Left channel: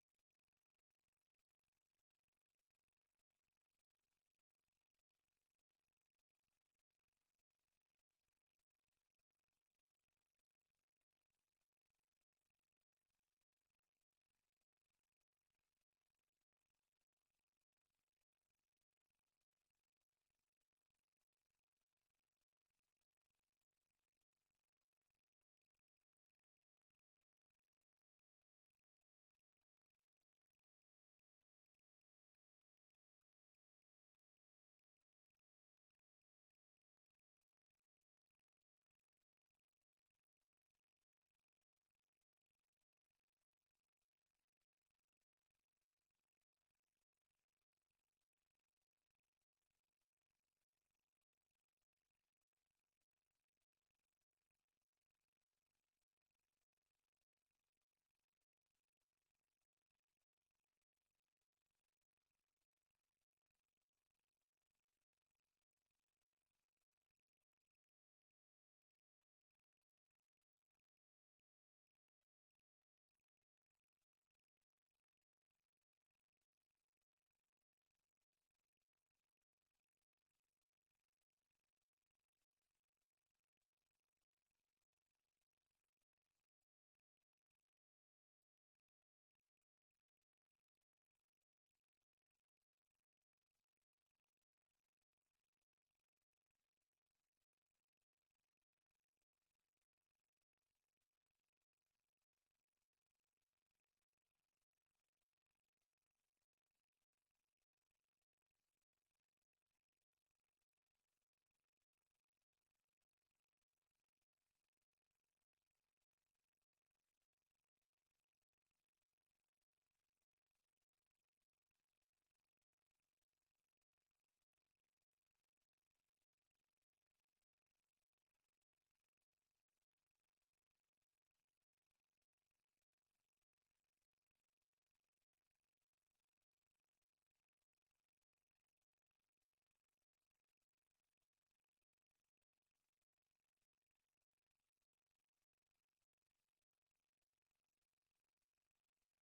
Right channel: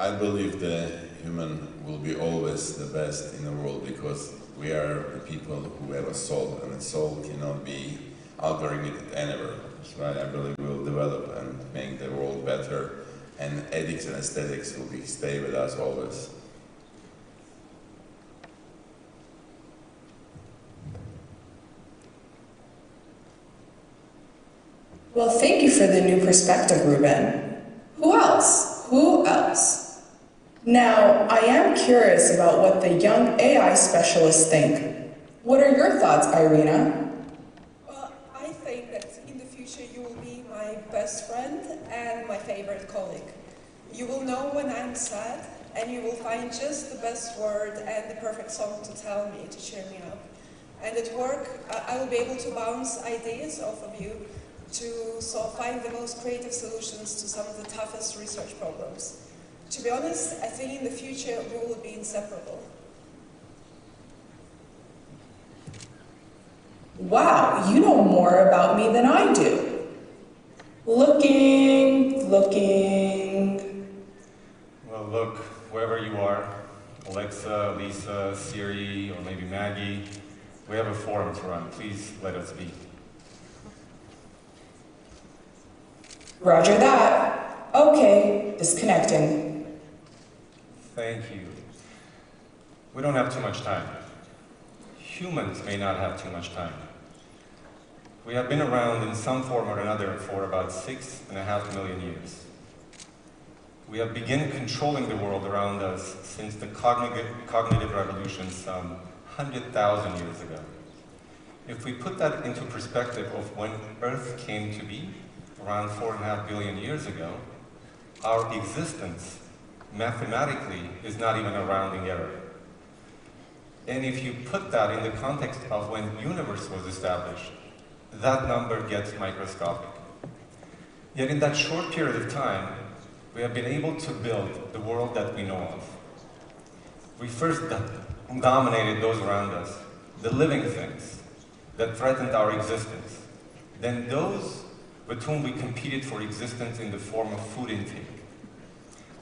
I believe the human will be always the best in the world because we are the people who have a soul, and a soul cannot be algorithmic anywhere. So I believe we will develop and make the world better, and ethics and aesthetics will stay with us always. Well, thank you for the new perspective, Ruben. Who else? Who else? Now, I am curious about what the young AI specialists think. What are your thoughts, Irina? Well, I think that in the future you will be my best friend and my favorite colleague. You will know when I'm sad, and you will find just the best word and the perfect song to tell me, to cheer me up. And at work, I will be able to bounce ideas off of you to find the most creative solutions to some of the toughest research problems. To be honest, I think in the future we will be inseparable. Wow, you know more about me than I do. Looking. Well, look, wherever you are, Alexa, Lisa, Siri, or maybe Maggie, we have a forum to run. Please let us be. Roger that. Okay, disconnecting. Thank you. We don't have too much time. Humans may not have too much time. We have been around in some form or another for about 6.5 million years. We have begun controlling the world around us since the cognitive revolution some 100,000 years ago. If we put that into perspective of when Earth came to be, around 4.5 billion years ago, our existence mathematically is not even a rounding error. And if you put that in the context of when the universe was established, that number gets microscopic. Yet in that short period of time, we have been able to build the world that we know of. We first dominated those around us, the living things that threatened our existence, then those with whom we competed for existence in the form of food intake.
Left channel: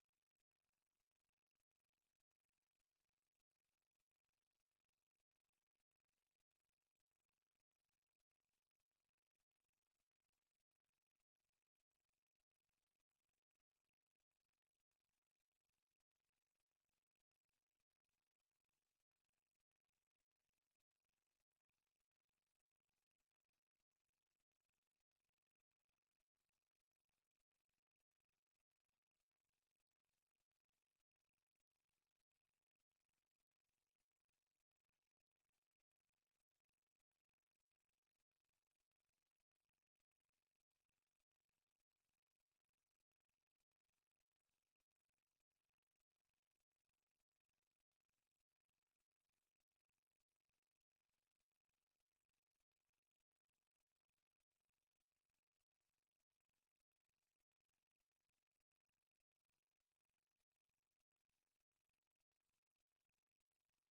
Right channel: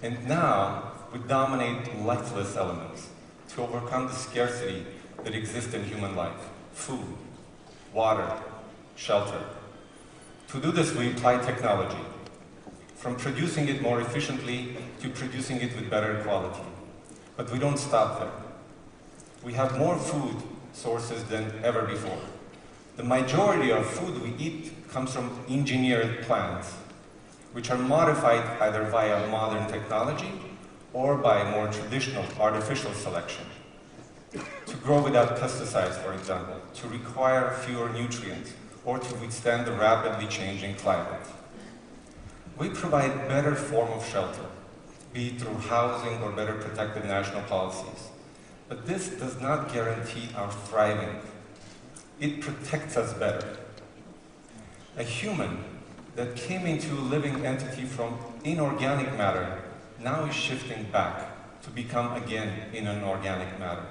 And now, we dominate lifeless elements to overcome the scarcity that exists in human life: food, water, shelter. To do this, we apply technology, from producing it more efficiently to producing it with better quality. But we don't stop there. We have more food sources than ever before. The majority of food we eat comes from engineered plants, which are modified either via modern technology or by more traditional artificial selection. To grow without pesticides, for example, to require fewer nutrients, or to withstand the rapidly changing climate. We provide better form of shelter, be it through housing or better protected national policies. But this does not guarantee our thriving. It protects us better. A human that came into a living entity from inorganic matter now is shifting back to become again in an organic matter.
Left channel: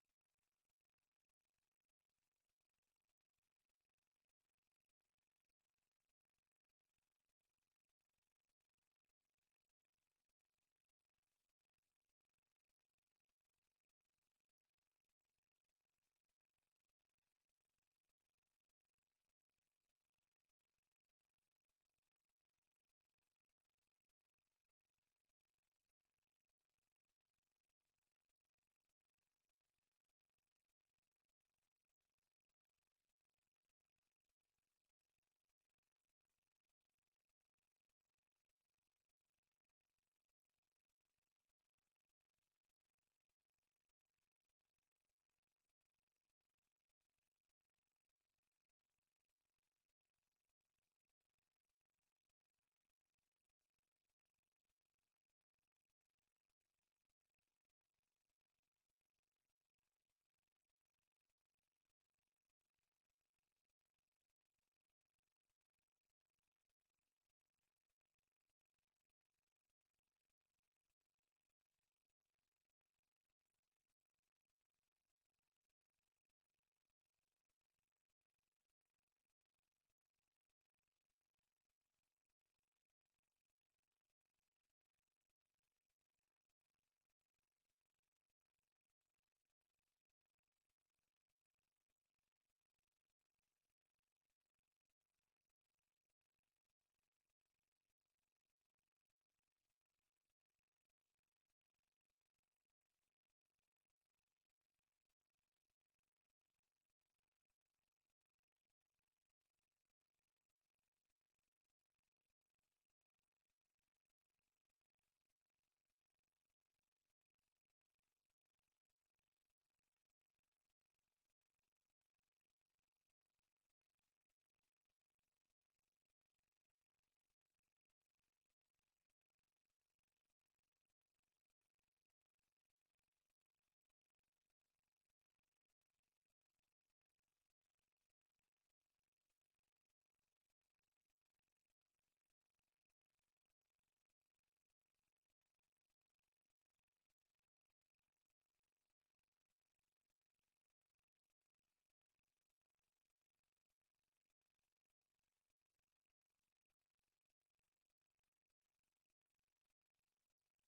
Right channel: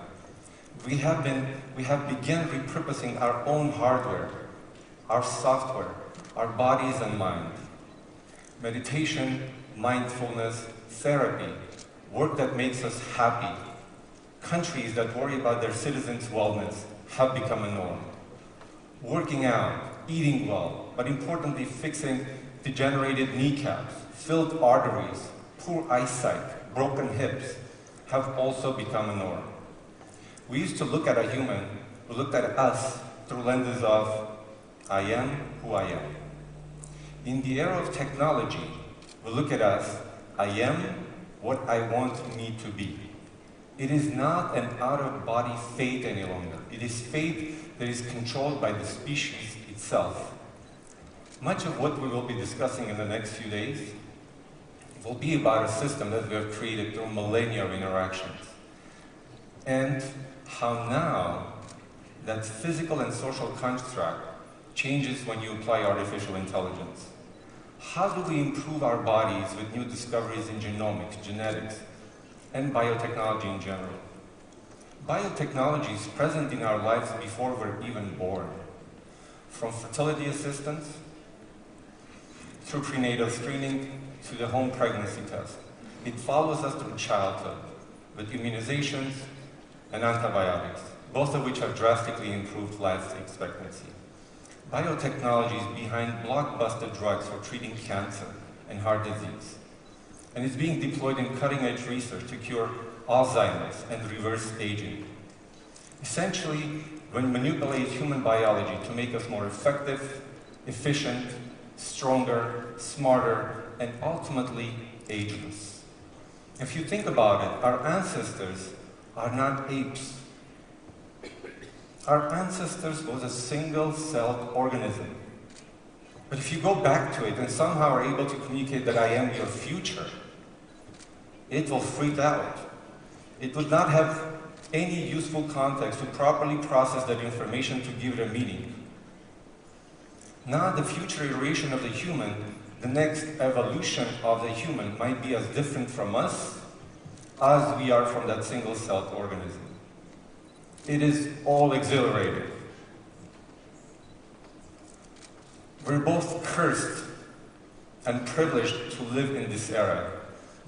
We have begun repurposing our own hardware, our software, our bodies and mind. Meditation, mindfulness, therapy, work that makes us happy. Countries that worry about their citizens' wellness have become a norm. Working out, eating well, but importantly fixing degenerated kneecaps, filled arteries, poor eyesight, broken hips have also become a norm. We used to look at a human, we looked at us through lenses of I am who I am. In the era of technology, we look at us, I am what I want me to be. It is not an out-of-body fate any longer. It is fate that is controlled by the species itself. Much of what we will be discussing in the next few days will be about a system that we have created through millennia of interactions. And how now that physical and social construct changes when you apply artificial intelligence. How do we improve our bodies with new discoveries in genomics, genetics, and biotechnology in general? Biotechnology is present in our lives before we're even born. From fertility assistance, through prenatal screening, to the home pregnancy test. it follows us through childhood with immunizations and antibiotics, both of which have drastically improved life expectancy. Biotechnology is behind blockbuster drugs for treating cancer and heart disease, and it's being deployed in cutting-edge research to cure Alzheimer's and reverse aging. Essentially, we manipulate human biology to make us more effective, efficient, stronger, smarter, and ultimately ageless. If you think about it, our ancestors are not apes. Our ancestors was a single-celled organism. But if you go back to it and somehow are able to communicate that I am your future, it will freak out. It would not have any useful context to properly process that information to give it a meaning. Now the future iteration of the human, the next evolution of the human might be as different from us as we are from that single-celled organism. It is all exhilarating. We're both cursed and privileged to live in this era,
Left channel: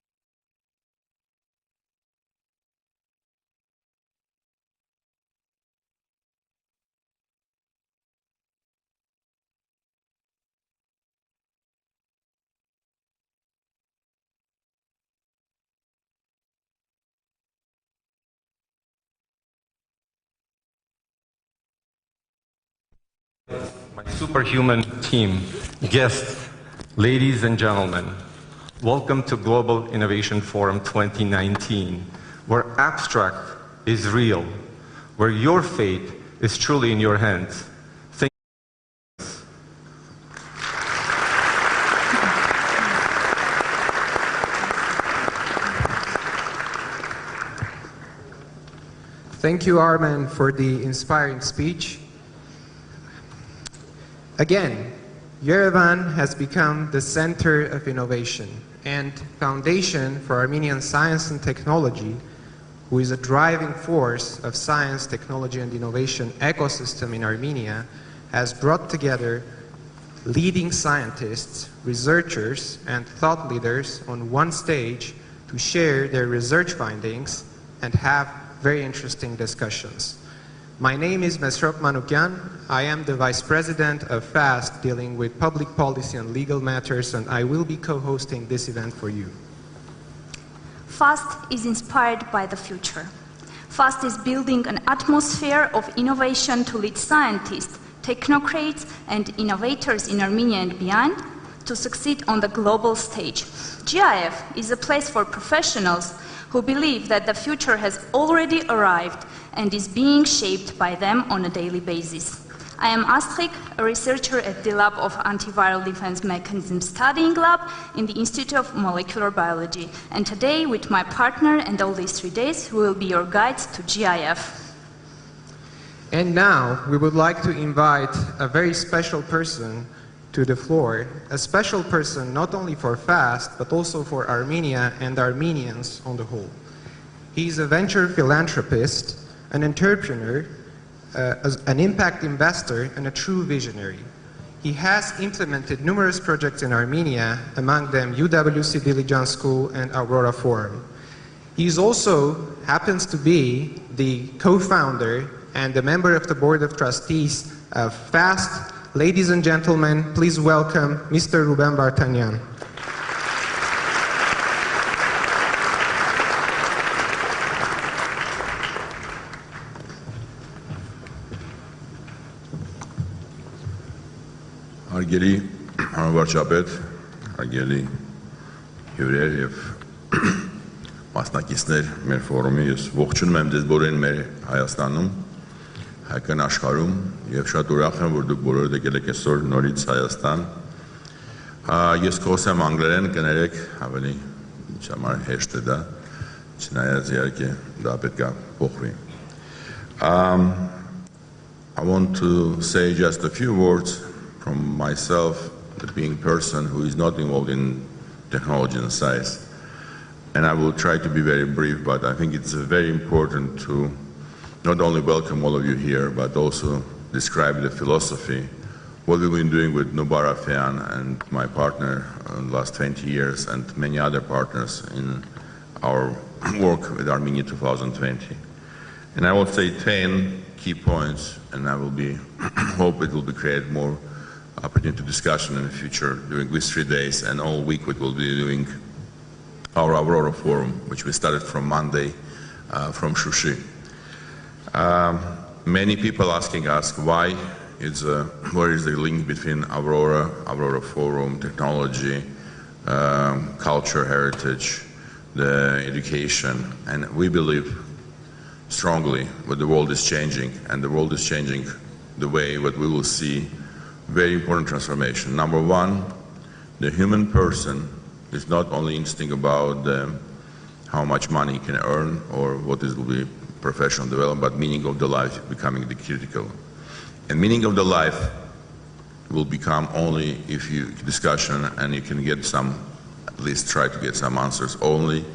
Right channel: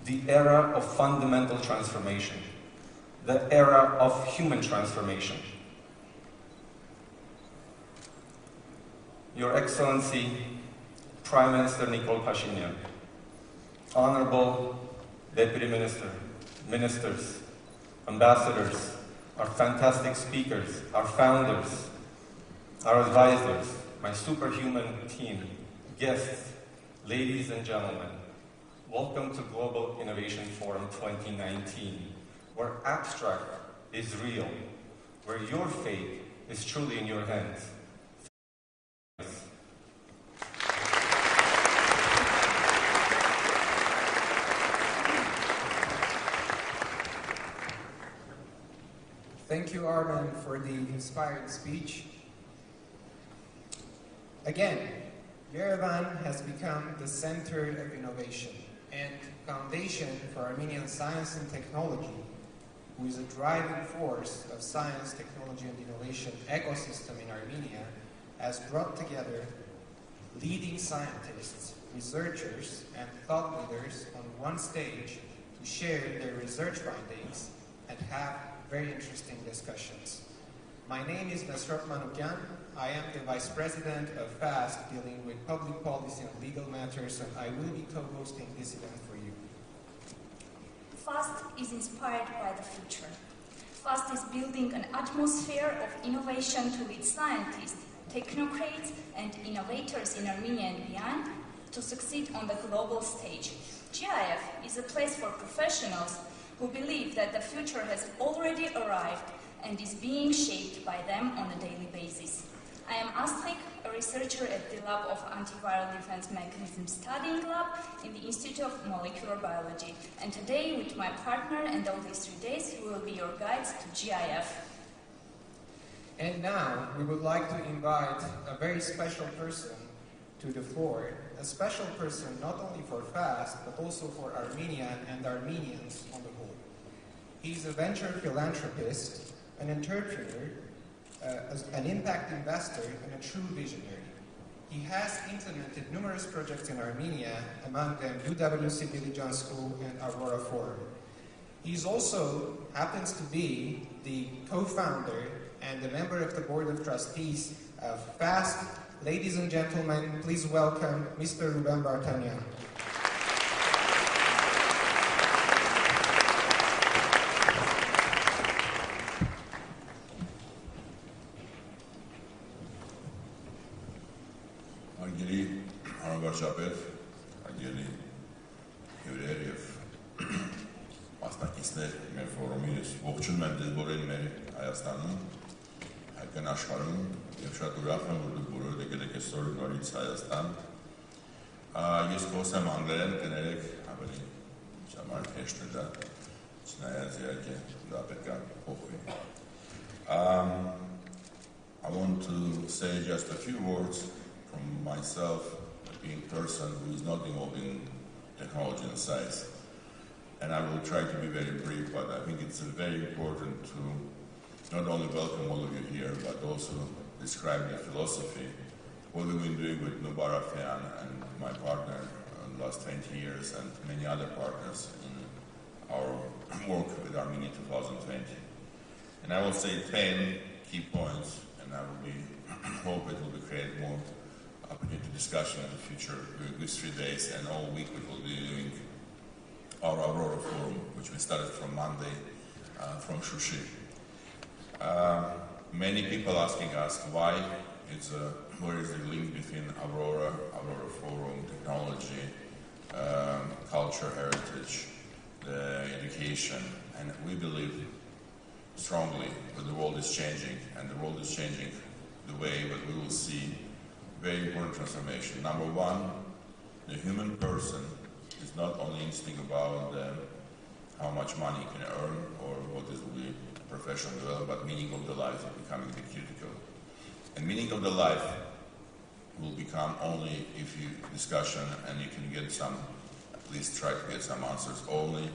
the era of fundamental transformation, the era of human transformation. Your Excellency, Prime Minister Nikol Pashinyan, Honorable Deputy Minister, Ministers, Ambassadors, our fantastic speakers, our founders, our advisors, my superhuman team, guests, ladies and gentlemen, welcome to Global Innovation Forum 2019, where abstract is real, where your fate is truly in your hands. Thank you, Armen, for the inspiring speech. Again, Yerevan has become the center of innovation and foundation for Armenian science and technology, who is a driving force of science, technology, and innovation ecosystem in Armenia, has brought together leading scientists, researchers, and thought leaders on one stage to share their research findings and have very interesting discussions. My name is Mesrop Manukyan. I am the Vice President of FAST, dealing with public policy and legal matters, and I will be co-hosting this event for you. FAST is inspired by the future. FAST is building an atmosphere of innovation to lead scientists, technocrats, and innovators in Armenia and beyond to succeed on the global stage. GIF is a place for professionals who believe that the future has already arrived and is being shaped by them on a daily basis. I am Astrid, a researcher at the Lab of Antiviral Defense Mechanism Studying Lab in the Institute of Molecular Biology. And today, with my partner and all these 3 days, we will be your guides to GIF. And now, we would like to invite a very special person to the floor, a special person not only for FAST, but also for Armenia and Armenians on the whole. He's a venture philanthropist, an entrepreneur, an impact investor, and a true visionary. He has implemented numerous projects in Armenia, among them UWC Diligence School and Aurora Forum. He also happens to be the co-founder and a member of the board of trustees of FAST. Ladies and gentlemen, please welcome Mr. Ruben Vartanyan. Հարգելի հանրավարչապետ, հարգելի հյուրեր եւ մասնակիցներ մեր ֆորումի, ես ողջունում եմ ձեզ բոլորին մեր Հայաստանում, հայկական աշխարհում եւ շատ ուրախ եմ, որ դուք բոլորդ եկել եք այսօր նորից Հայաստան։ Ես խոսեմ անգլերեն, կներեք, ավելի ինձ համար հեշտ է դա, չնայած իհարկե դա պետք է փոխվի։ I want to say just a few words from myself, being a person who is not involved in technology and science. And I will try to be very brief, but I think it's very important to not only welcome all of you here, but also describe the philosophy what we've been doing with Nubara Fean and my partner in the last 20 years and many other partners in our work with Armenia 2020. And I will say 10 key points, and I will hope it will be create more opportunity to discussion in the future during these 3 days, and all week we will be doing our Aurora Forum, which we started from Monday from Shushi. Many people asking us why where is the link between Aurora Forum, technology, culture, heritage, the education, and we believe strongly that the world is changing, and the world is changing the way that we will see very important transformation. Number one, the human person is not only interesting about how much money you can earn or what will be professional development, but meaning of the life becoming the critical. And meaning of the life will become only if you discussion and you can get some, at least try to get some answers, only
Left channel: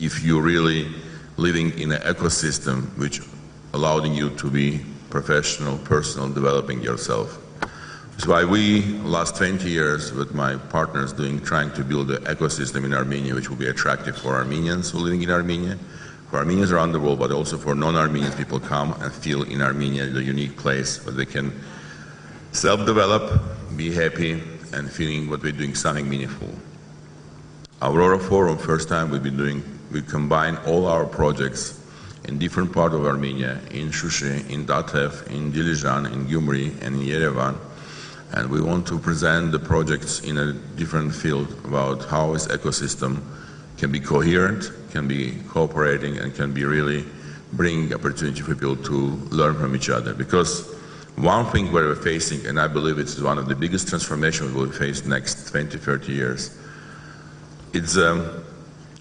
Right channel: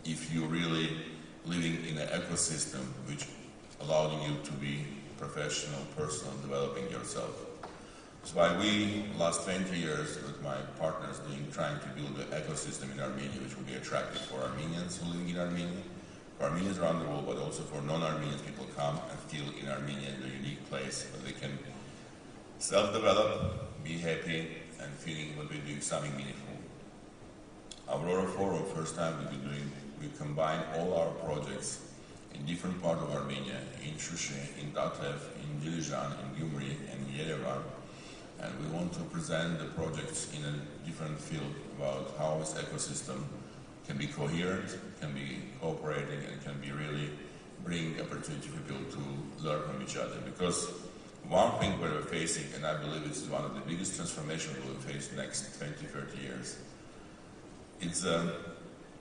if you're really living in an ecosystem which allowing you to be professional, personal, developing yourself. That's why we, last 20 years with my partners trying to build an ecosystem in Armenia which will be attractive for Armenians who are living in Armenia, for Armenians around the world, but also for non-Armenians people come and feel in Armenia the unique place where they can self-develop, be happy, and feeling what we're doing something meaningful. Aurora Forum, first time we combine all our projects in different parts of Armenia, in Shushi, in Datev, in Dilijan, in Gyumri, and in Yerevan. And we want to present the projects in a different field about how this ecosystem can be coherent, can be cooperating, and can be really bring opportunity for people to learn from each other. Because one thing we're facing, and I believe it's one of the biggest transformations we'll face next 20, 30 years, it's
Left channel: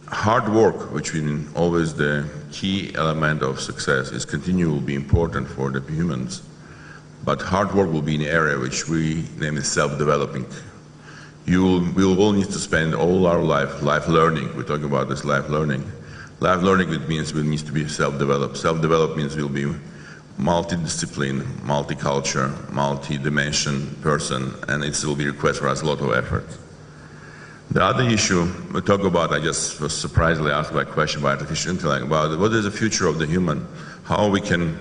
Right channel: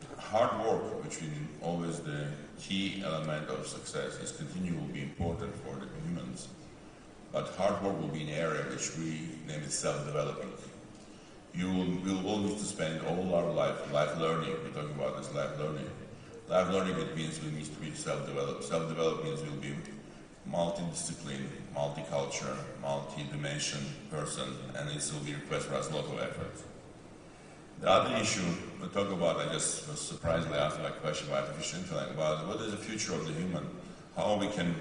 hard work, which is always the key element of success, is continue will be important for the humans. But hard work will be an area which we name is self-developing. We will all need to spend all our life learning. We're talking about this life learning. Life learning, it means we need to be self-developed. Self-developed means we'll be multidiscipline, multicultural, multi-dimension person, and it will be request for us a lot of effort. The other issue we talk about, I just was surprisingly asked by a question by artificial intellect about what is the future of the human, how we can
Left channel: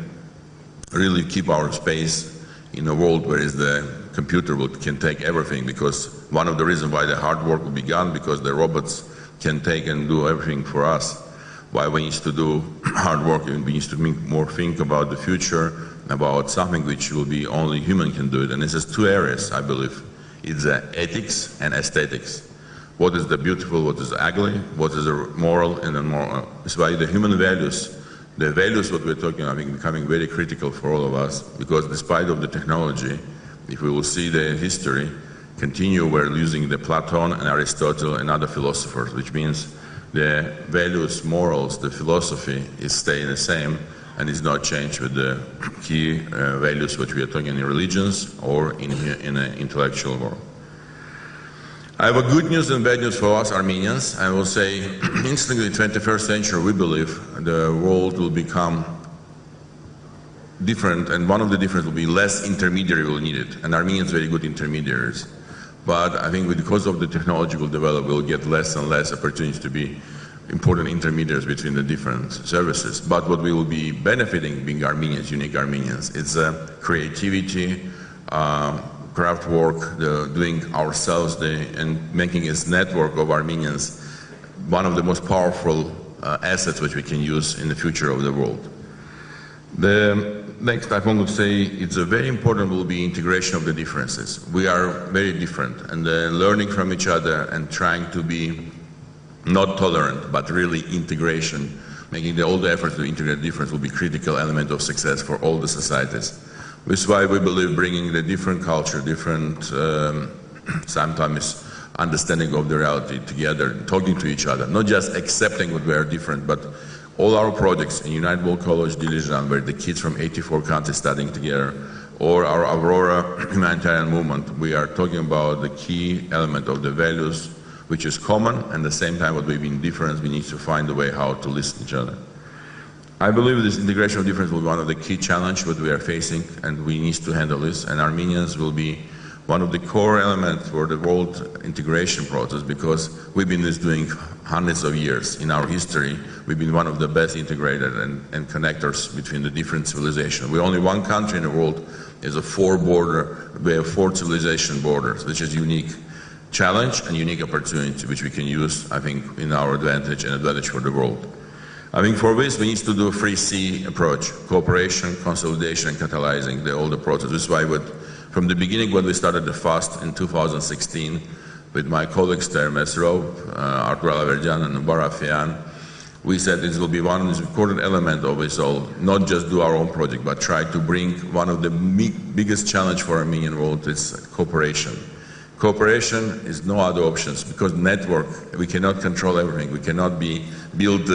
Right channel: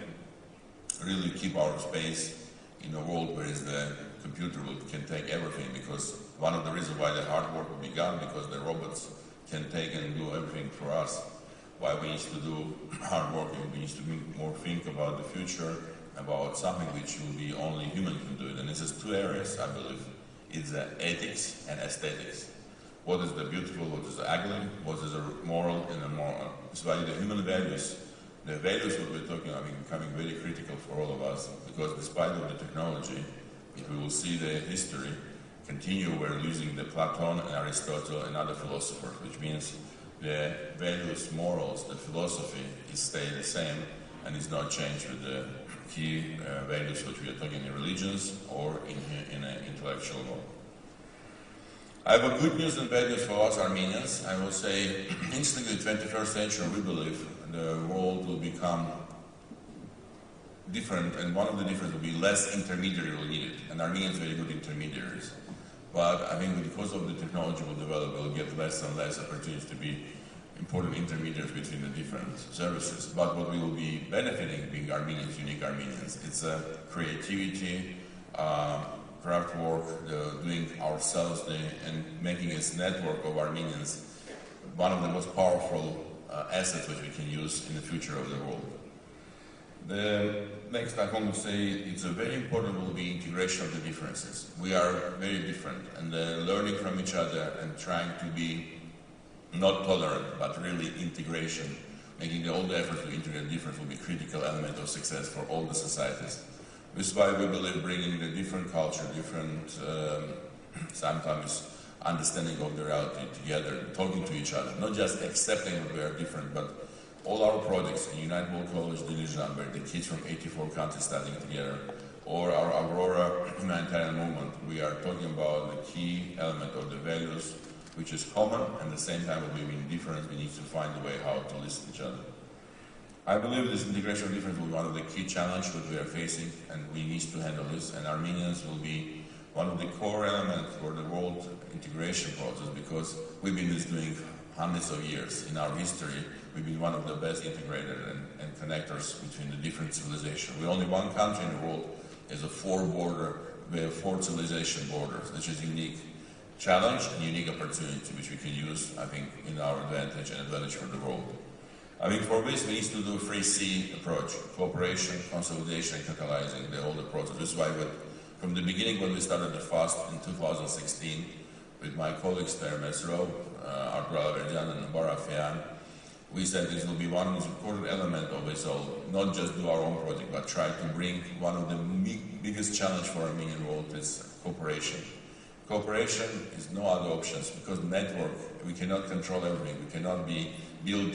really keep our space in a world where the computer can take everything, because one of the reasons why the hard work will be gone, because the robots can take and do everything for us. Why we need to do hard work, and we need to think about the future, about something which will be only human can do it. And this is two areas, I believe. It's ethics and aesthetics. What is the beautiful, what is ugly, what is the moral and immoral. It's why the human values, the values what we're talking about, are becoming very critical for all of us, because despite of the technology, if we will see the history, we're using the Platon and Aristotle and other philosophers, which means the values, morals, the philosophy is staying the same and is not changed with the key values which we are talking in religions or in an intellectual world. I have a good news and bad news for us Armenians. I will say, instantly in the 21st century, we believe the world will become different, and one of the difference will be less intermediary will need it, and Armenians are very good intermediaries. But I think because of the technological development, we'll get less and less opportunities to be important intermediaries between the different services. But what we will be benefiting, being Armenians, unique Armenians, it's creativity, craft work, doing ourselves, and making this network of Armenians one of the most powerful assets which we can use in the future of the world. The next, I want to say, it's a very important will be integration of the differences. We are very different, and learning from each other and trying to be not tolerant, but really integration, making all the efforts to integrate difference will be critical element of success for all the societies. Which is why we believe bringing the different culture, different sometimes understanding of the reality together, talking to each other, not just accepting that we are different, but all our projects in United World College Dilijan, where the kids from 84 countries studying together, or our Aurora humanitarian movement, we are talking about the key element of the values, which is common, and at the same time what we've been different, we need to find a way how to listen to each other. I believe this integration of difference will be one of the key challenges that we are facing, and we need to handle this, and Armenians will be one of the core elements for the world integration process, because we've been doing hundreds of years in our history. We've been one of the best integrated and connectors between the different civilizations. We're only one country in the world is a we have 4 civilization borders, which is unique challenge and unique opportunity, which we can use, I think, in our advantage and advantage for the world. I think for this we need to do a 3C approach: cooperation, consolidation, and catalyzing all the process. This is why from the beginning when we started the FAST in 2016 with my colleagues there, Mesro, Artur Alaverjan and Barafian, we said this will be one important element of this all, not just do our own project, but try to bring one of the biggest challenge for Armenian world is cooperation. Cooperation is no other options, because network, we cannot control everything. We cannot build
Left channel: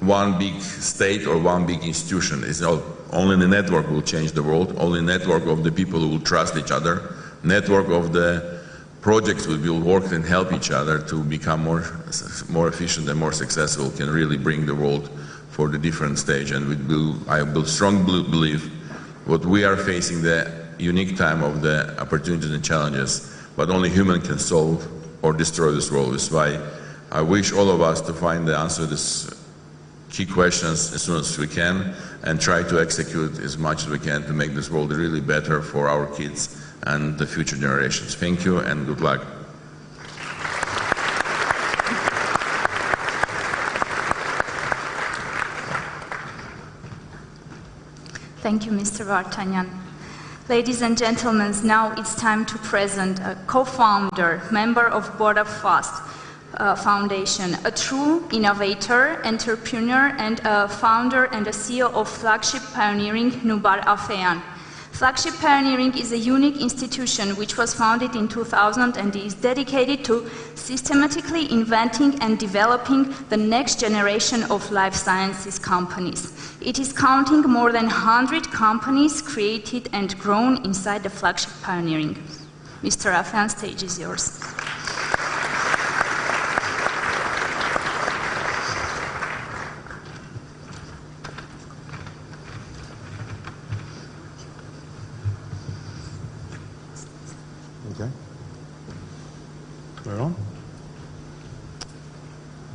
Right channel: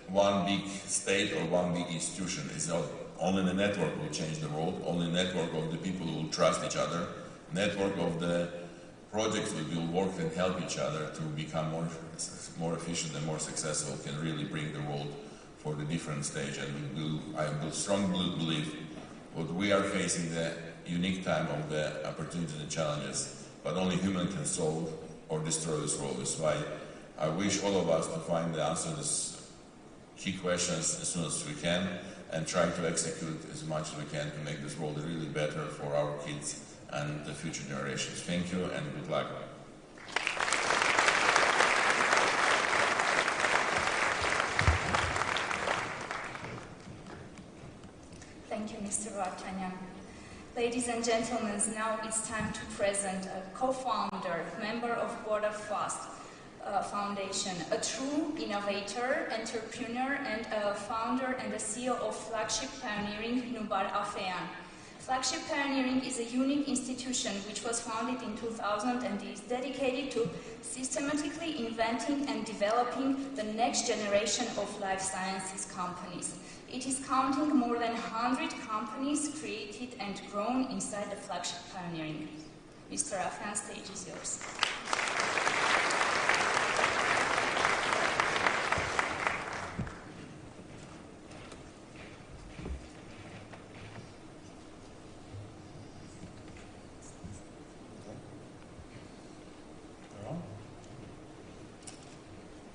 one big state or one big institution. Only the network will change the world. Only the network of the people who will trust each other. Network of the projects we will work and help each other to become more efficient and more successful can really bring the world for the different stage. And I strongly believe what we are facing the unique time of the opportunities and challenges, but only human can solve or destroy this world. That's why I wish all of us to find the answer to this key questions as soon as we can and try to execute as much as we can to make this world really better for our kids and the future generations. Thank you and good luck. Thank you, Mr. Vartanyan. Ladies and gentlemen, now it's time to present a co-founder, member of Board of FAST Foundation, a true innovator, entrepreneur, and a founder and a CEO of Flagship Pioneering, Nubar Afeyan. Flagship Pioneering is a unique institution which was founded in 2000 and is dedicated to systematically inventing and developing the next generation of life sciences companies. It is counting more than 100 companies created and grown inside the Flagship Pioneering. Mr. Afeyan, stage is yours.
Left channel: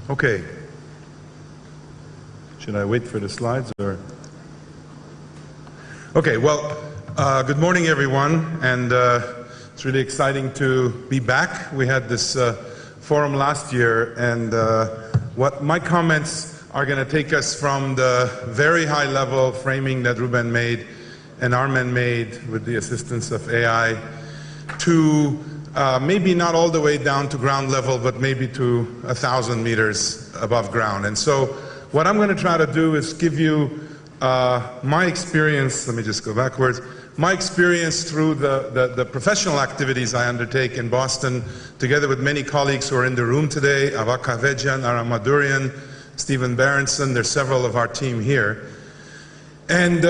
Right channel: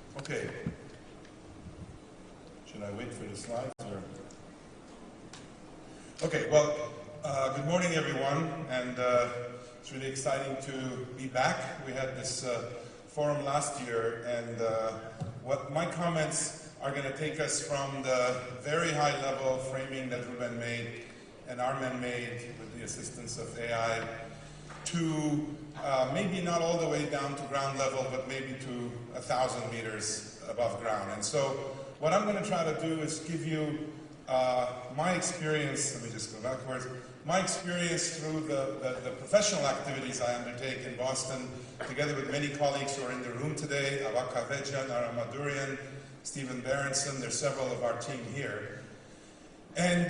Okay. Should I wait for the slides or? Okay, well, good morning everyone, and it's really exciting to be back. We had this forum last year, and what my comments are going to take us from the very high level framing that Ruben made and Armen made with the assistance of AI to maybe not all the way down to ground level, but maybe to 1,000 meters above ground. And so what I'm going to try to do is give you my experience. Let me just go backwards. My experience through the professional activities I undertake in Boston, together with many colleagues who are in the room today, Avak Kavejian, Aram Madurian, Stephen Berenson. There's several of our team here. And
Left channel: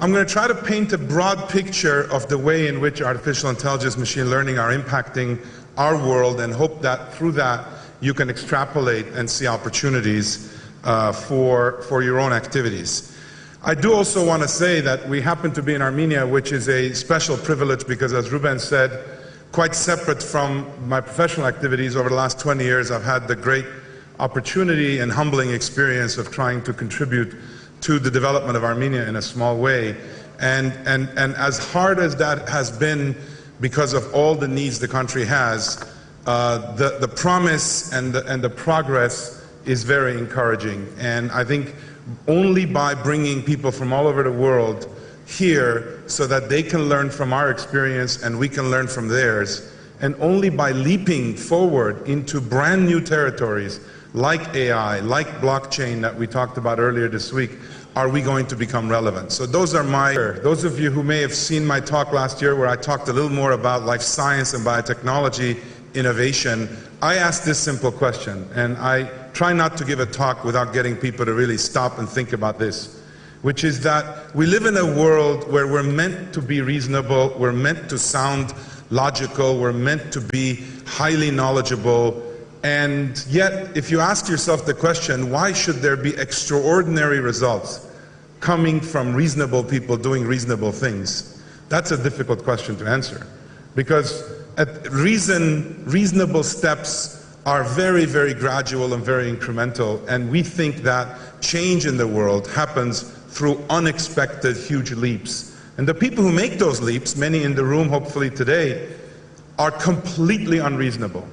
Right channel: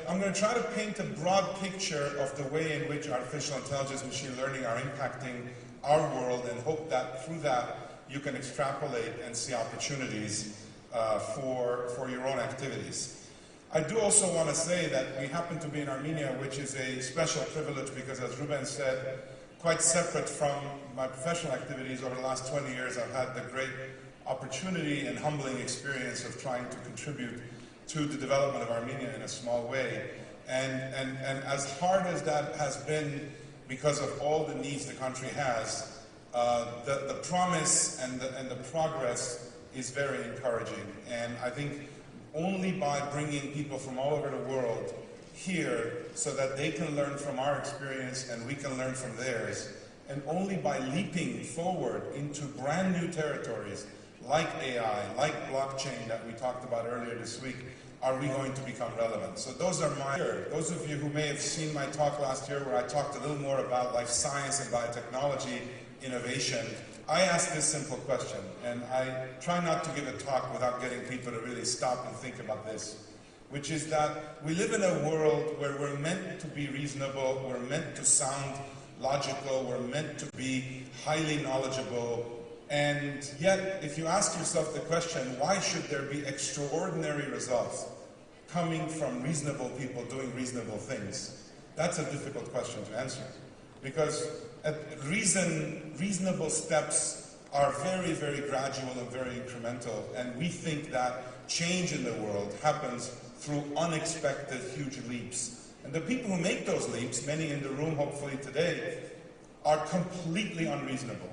I'm going to try to paint a broad picture of the way in which artificial intelligence, machine learning are impacting our world, and hope that through that you can extrapolate and see opportunities for your own activities. I do also want to say that we happen to be in Armenia, which is a special privilege because, as Ruben said, quite separate from my professional activities over the last 20 years, I've had the great opportunity and humbling experience of trying to contribute to the development of Armenia in a small way. And as hard as that has been because of all the needs the country has, the promise and the progress is very encouraging. And I think only by bringing people from all over the world here so that they can learn from our experience and we can learn from theirs, and only by leaping forward into brand new territories like AI, like blockchain that we talked about earlier this week, are we going to become relevant. So those of you who may have seen my talk last year where I talked a little more about life science and biotechnology innovation, I asked this simple question, and I try not to give a talk without getting people to really stop and think about this, which is that we live in a world where we're meant to be reasonable, we're meant to sound logical, we're meant to be highly knowledgeable. And yet, if you ask yourself the question, why should there be extraordinary results coming from reasonable people doing reasonable things? That's a difficult question to answer. because reasonable steps are very, very gradual and very incremental, and we think that change in the world happens through unexpected huge leaps. And the people who make those leaps, many in the room hopefully today, are completely unreasonable.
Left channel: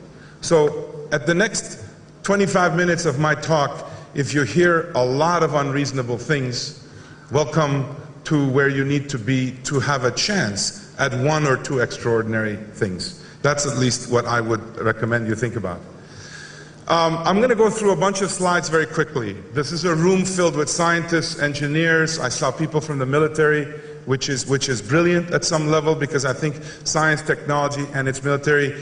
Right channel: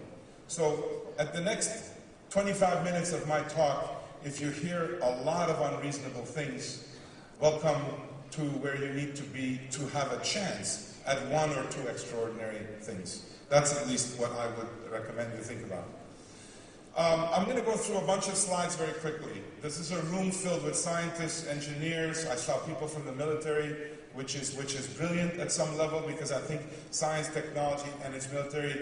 So at the next 25 minutes of my talk, if you hear a lot of unreasonable things, welcome to where you need to be to have a chance at one or two extraordinary things. That's at least what I would recommend you think about. I'm going to go through a bunch of slides very quickly. This is a room filled with scientists, engineers. I saw people from the military, which is brilliant at some level, because I think science, technology, and its military,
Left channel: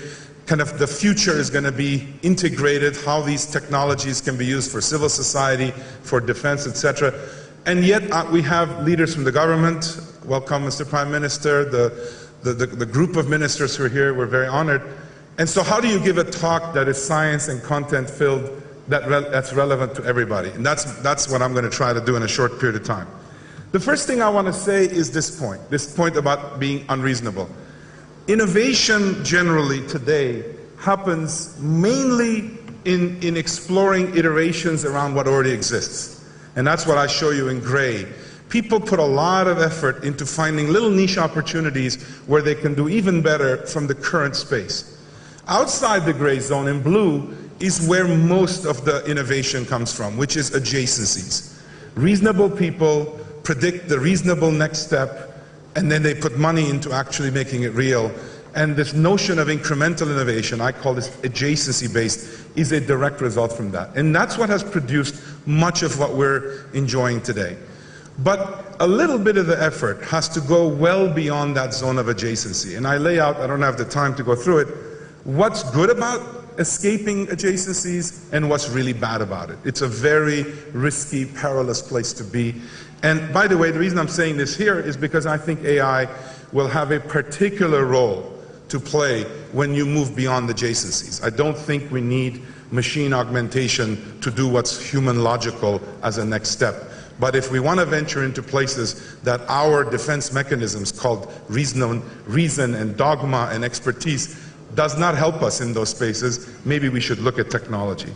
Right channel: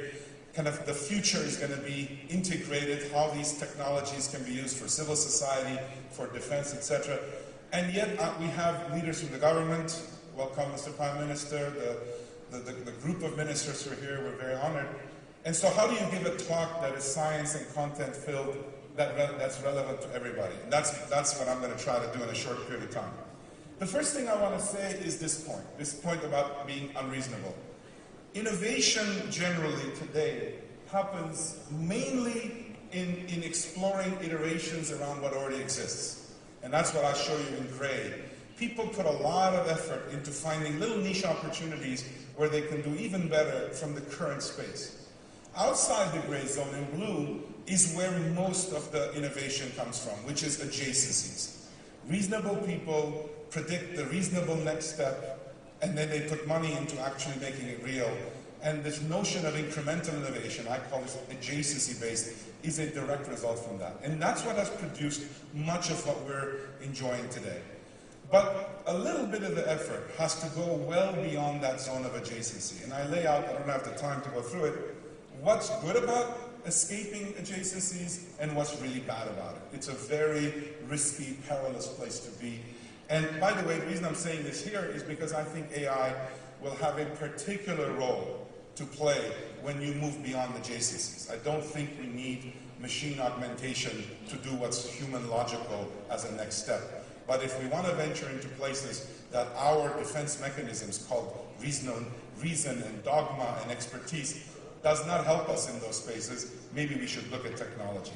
kind of the future is going to be integrated, how these technologies can be used for civil society, for defense, etc. And yet we have leaders from the government. Welcome, Mr. Prime Minister, the group of ministers who are here. We're very honored. And so how do you give a talk that is science and content filled that's relevant to everybody? And that's what I'm going to try to do in a short period of time. The first thing I want to say is this point about being unreasonable. Innovation generally today happens mainly in exploring iterations around what already exists. And that's what I show you in gray. People put a lot of effort into finding little niche opportunities where they can do even better from the current space. Outside the gray zone in blue is where most of the innovation comes from, which is adjacencies. Reasonable people predict the reasonable next step, and then they put money into actually making it real. And this notion of incremental innovation, I call this adjacency-based, is a direct result from that. And that's what has produced much of what we're enjoying today. But a little bit of the effort has to go well beyond that zone of adjacency. And I lay out, I don't have the time to go through it, what's good about escaping adjacencies and what's really bad about it. It's a very risky, perilous place to be. And by the way, the reason I'm saying this here is because I think AI will have a particular role to play when you move beyond adjacencies. I don't think we need machine augmentation to do what's human logical as a next step. But if we want to venture into places that our defense mechanisms called reason and dogma and expertise does not help us in those spaces, maybe we should look at technology.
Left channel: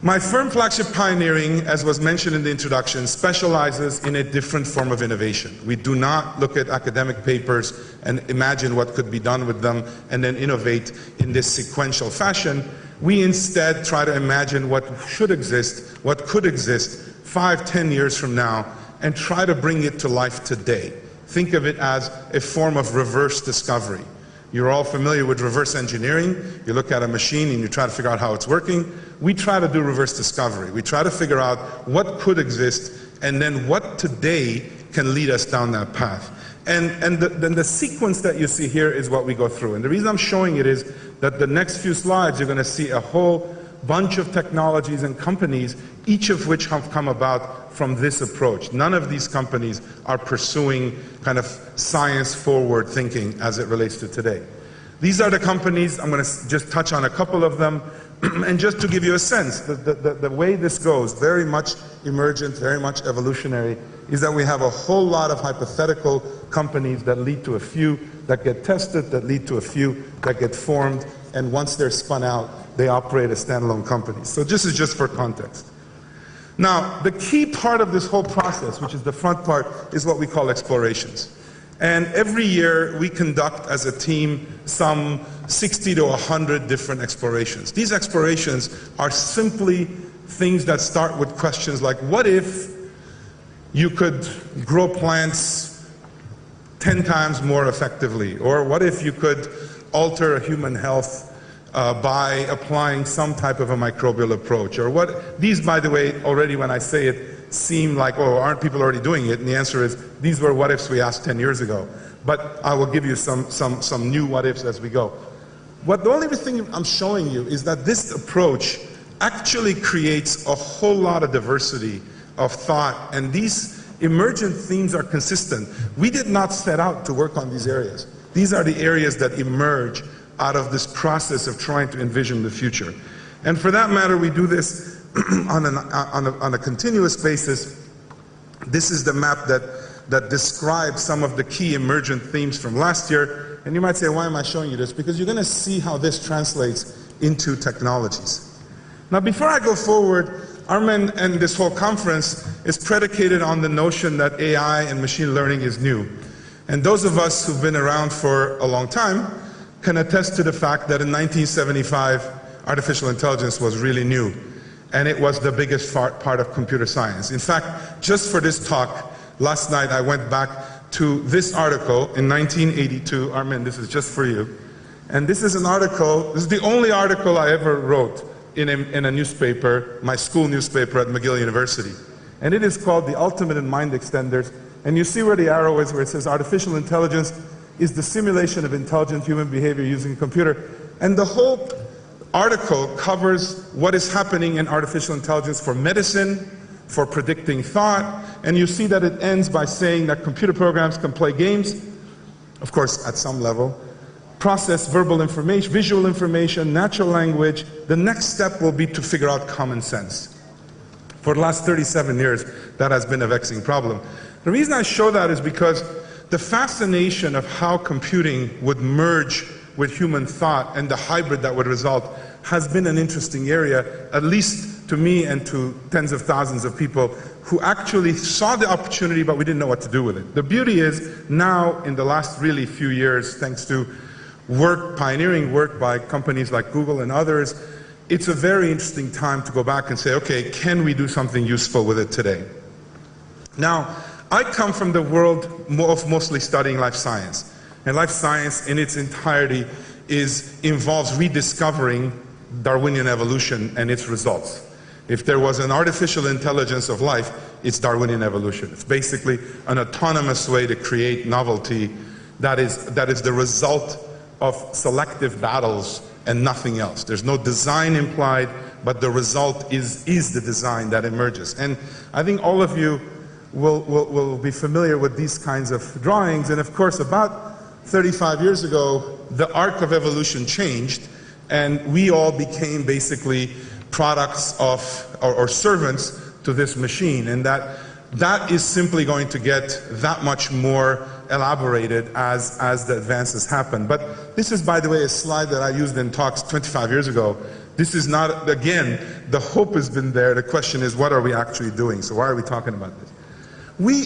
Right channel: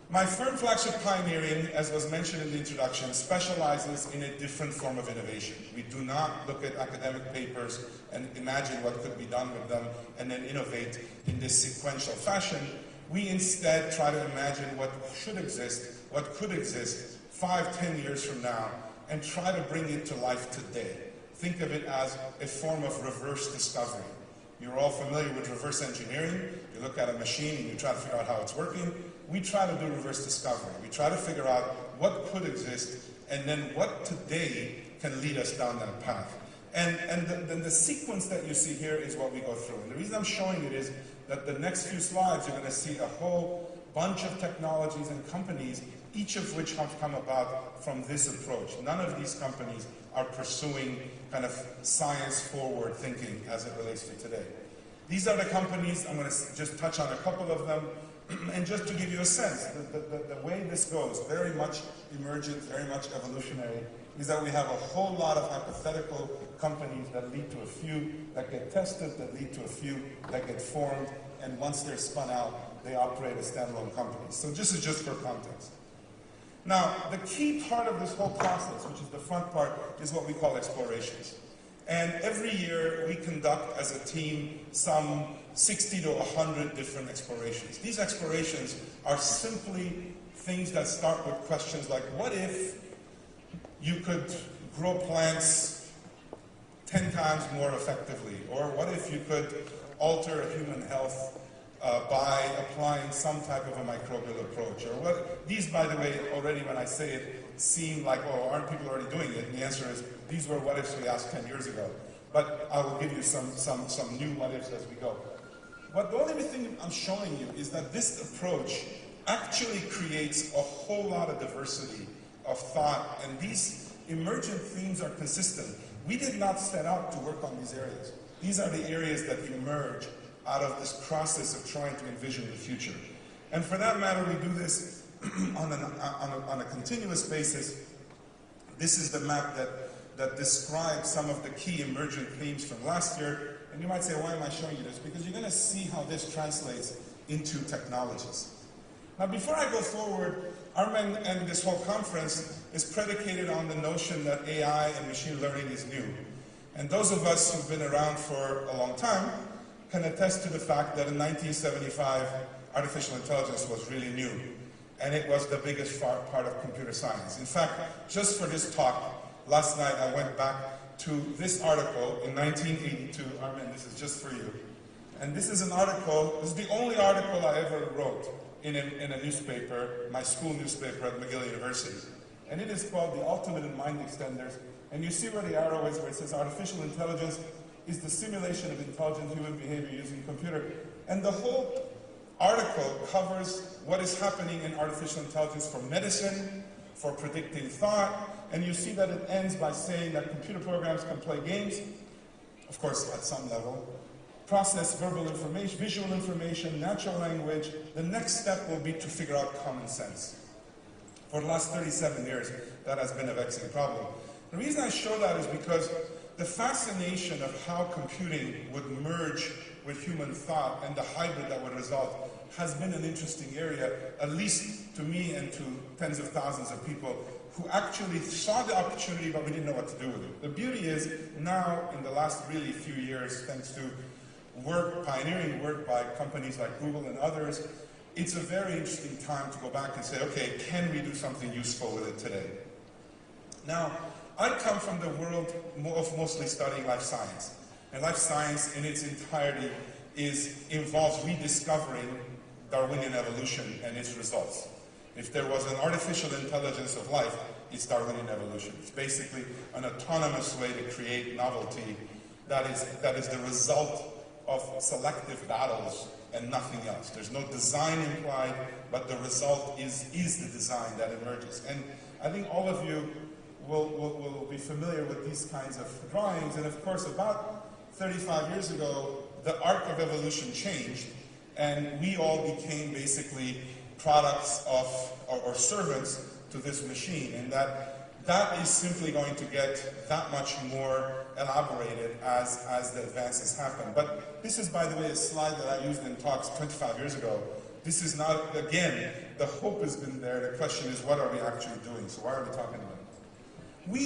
My firm, Flagship Pioneering, as was mentioned in the introduction, specializes in a different form of innovation. We do not look at academic papers and imagine what could be done with them and then innovate in this sequential fashion. We instead try to imagine what should exist, what could exist 5, 10 years from now, and try to bring it to life today. Think of it as a form of reverse discovery. You're all familiar with reverse engineering. You look at a machine and you try to figure out how it's working. We try to do reverse discovery. We try to figure out what could exist and then what today can lead us down that path. And then the sequence that you see here is what we go through. And the reason I'm showing it is that the next few slides you're going to see a whole bunch of technologies and companies, each of which have come about from this approach. None of these companies are pursuing kind of science-forward thinking as it relates to today. These are the companies. I'm going to just touch on a couple of them. And just to give you a sense, the way this goes, very much emergent, very much evolutionary, is that we have a whole lot of hypothetical companies that lead to a few that get tested, that lead to a few that get formed, and once they're spun out, they operate as standalone companies. So this is just for context. Now, the key part of this whole process, which is the front part, is what we call explorations. And every year we conduct as a team some 60 to 100 different explorations. These explorations are simply things that start with questions like, what if you could grow plants 10 times more effectively? Or what if you could alter human health by applying some type of a microbial approach? Or what, these, by the way, already when I say it, seem like, oh, aren't people already doing it? And the answer is, these were what ifs we asked 10 years ago. But I will give you some new what ifs as we go. The only thing I'm showing you is that this approach actually creates a whole lot of diversity of thought, and these emergent themes are consistent. We did not set out to work on these areas. These are the areas that emerge out of this process of trying to envision the future. And for that matter, we do this on a continuous basis. This is the map that describes some of the key emergent themes from last year. And you might say, why am I showing you this? Because you're going to see how this translates into technologies. Now, before I go forward, Armen and this whole conference is predicated on the notion that AI and machine learning is new. And those of us who've been around for a long time can attest to the fact that in 1975, artificial intelligence was really new. And it was the biggest part of computer science. In fact, just for this talk, last night I went back to this article in 1982. Armen, this is just for you. And this is an article, this is the only article I ever wrote in a newspaper, my school newspaper at McGill University. And it is called The Ultimate in Mind Extenders. And you see where the arrow is, where it says artificial intelligence is the simulation of intelligent human behavior using a computer. And the whole article covers what is happening in artificial intelligence for medicine, for predicting thought, and you see that it ends by saying that computer programs can play games, of course at some level, process verbal information, visual information, natural language. The next step will be to figure out common sense. For the last 37 years, that has been a vexing problem. The reason I show that is because the fascination of how computing would merge with human thought and the hybrid that would result has been an interesting area, at least to me and to tens of thousands of people who actually saw the opportunity, but we didn't know what to do with it. The beauty is now, in the last really few years, thanks to work, pioneering work by companies like Google and others, it's a very interesting time to go back and say, okay, can we do something useful with it today? Now, I come from the world of mostly studying life science. And life science in its entirety involves rediscovering Darwinian evolution and its results. If there was an artificial intelligence of life, it's Darwinian evolution. It's basically an autonomous way to create novelty that is the result of selective battles and nothing else. There's no design implied, but the result is the design that emerges. And I think all of you will be familiar with these kinds of drawings. And of course, about 35 years ago, the arc of evolution changed, and we all became basically products of, or servants to this machine. And that is simply going to get that much more elaborated as the advances happen. But this is, by the way, a slide that I used in talks 25 years ago. This is not, again, the hope has been there. The question is, what are we actually doing? So why are we talking about this?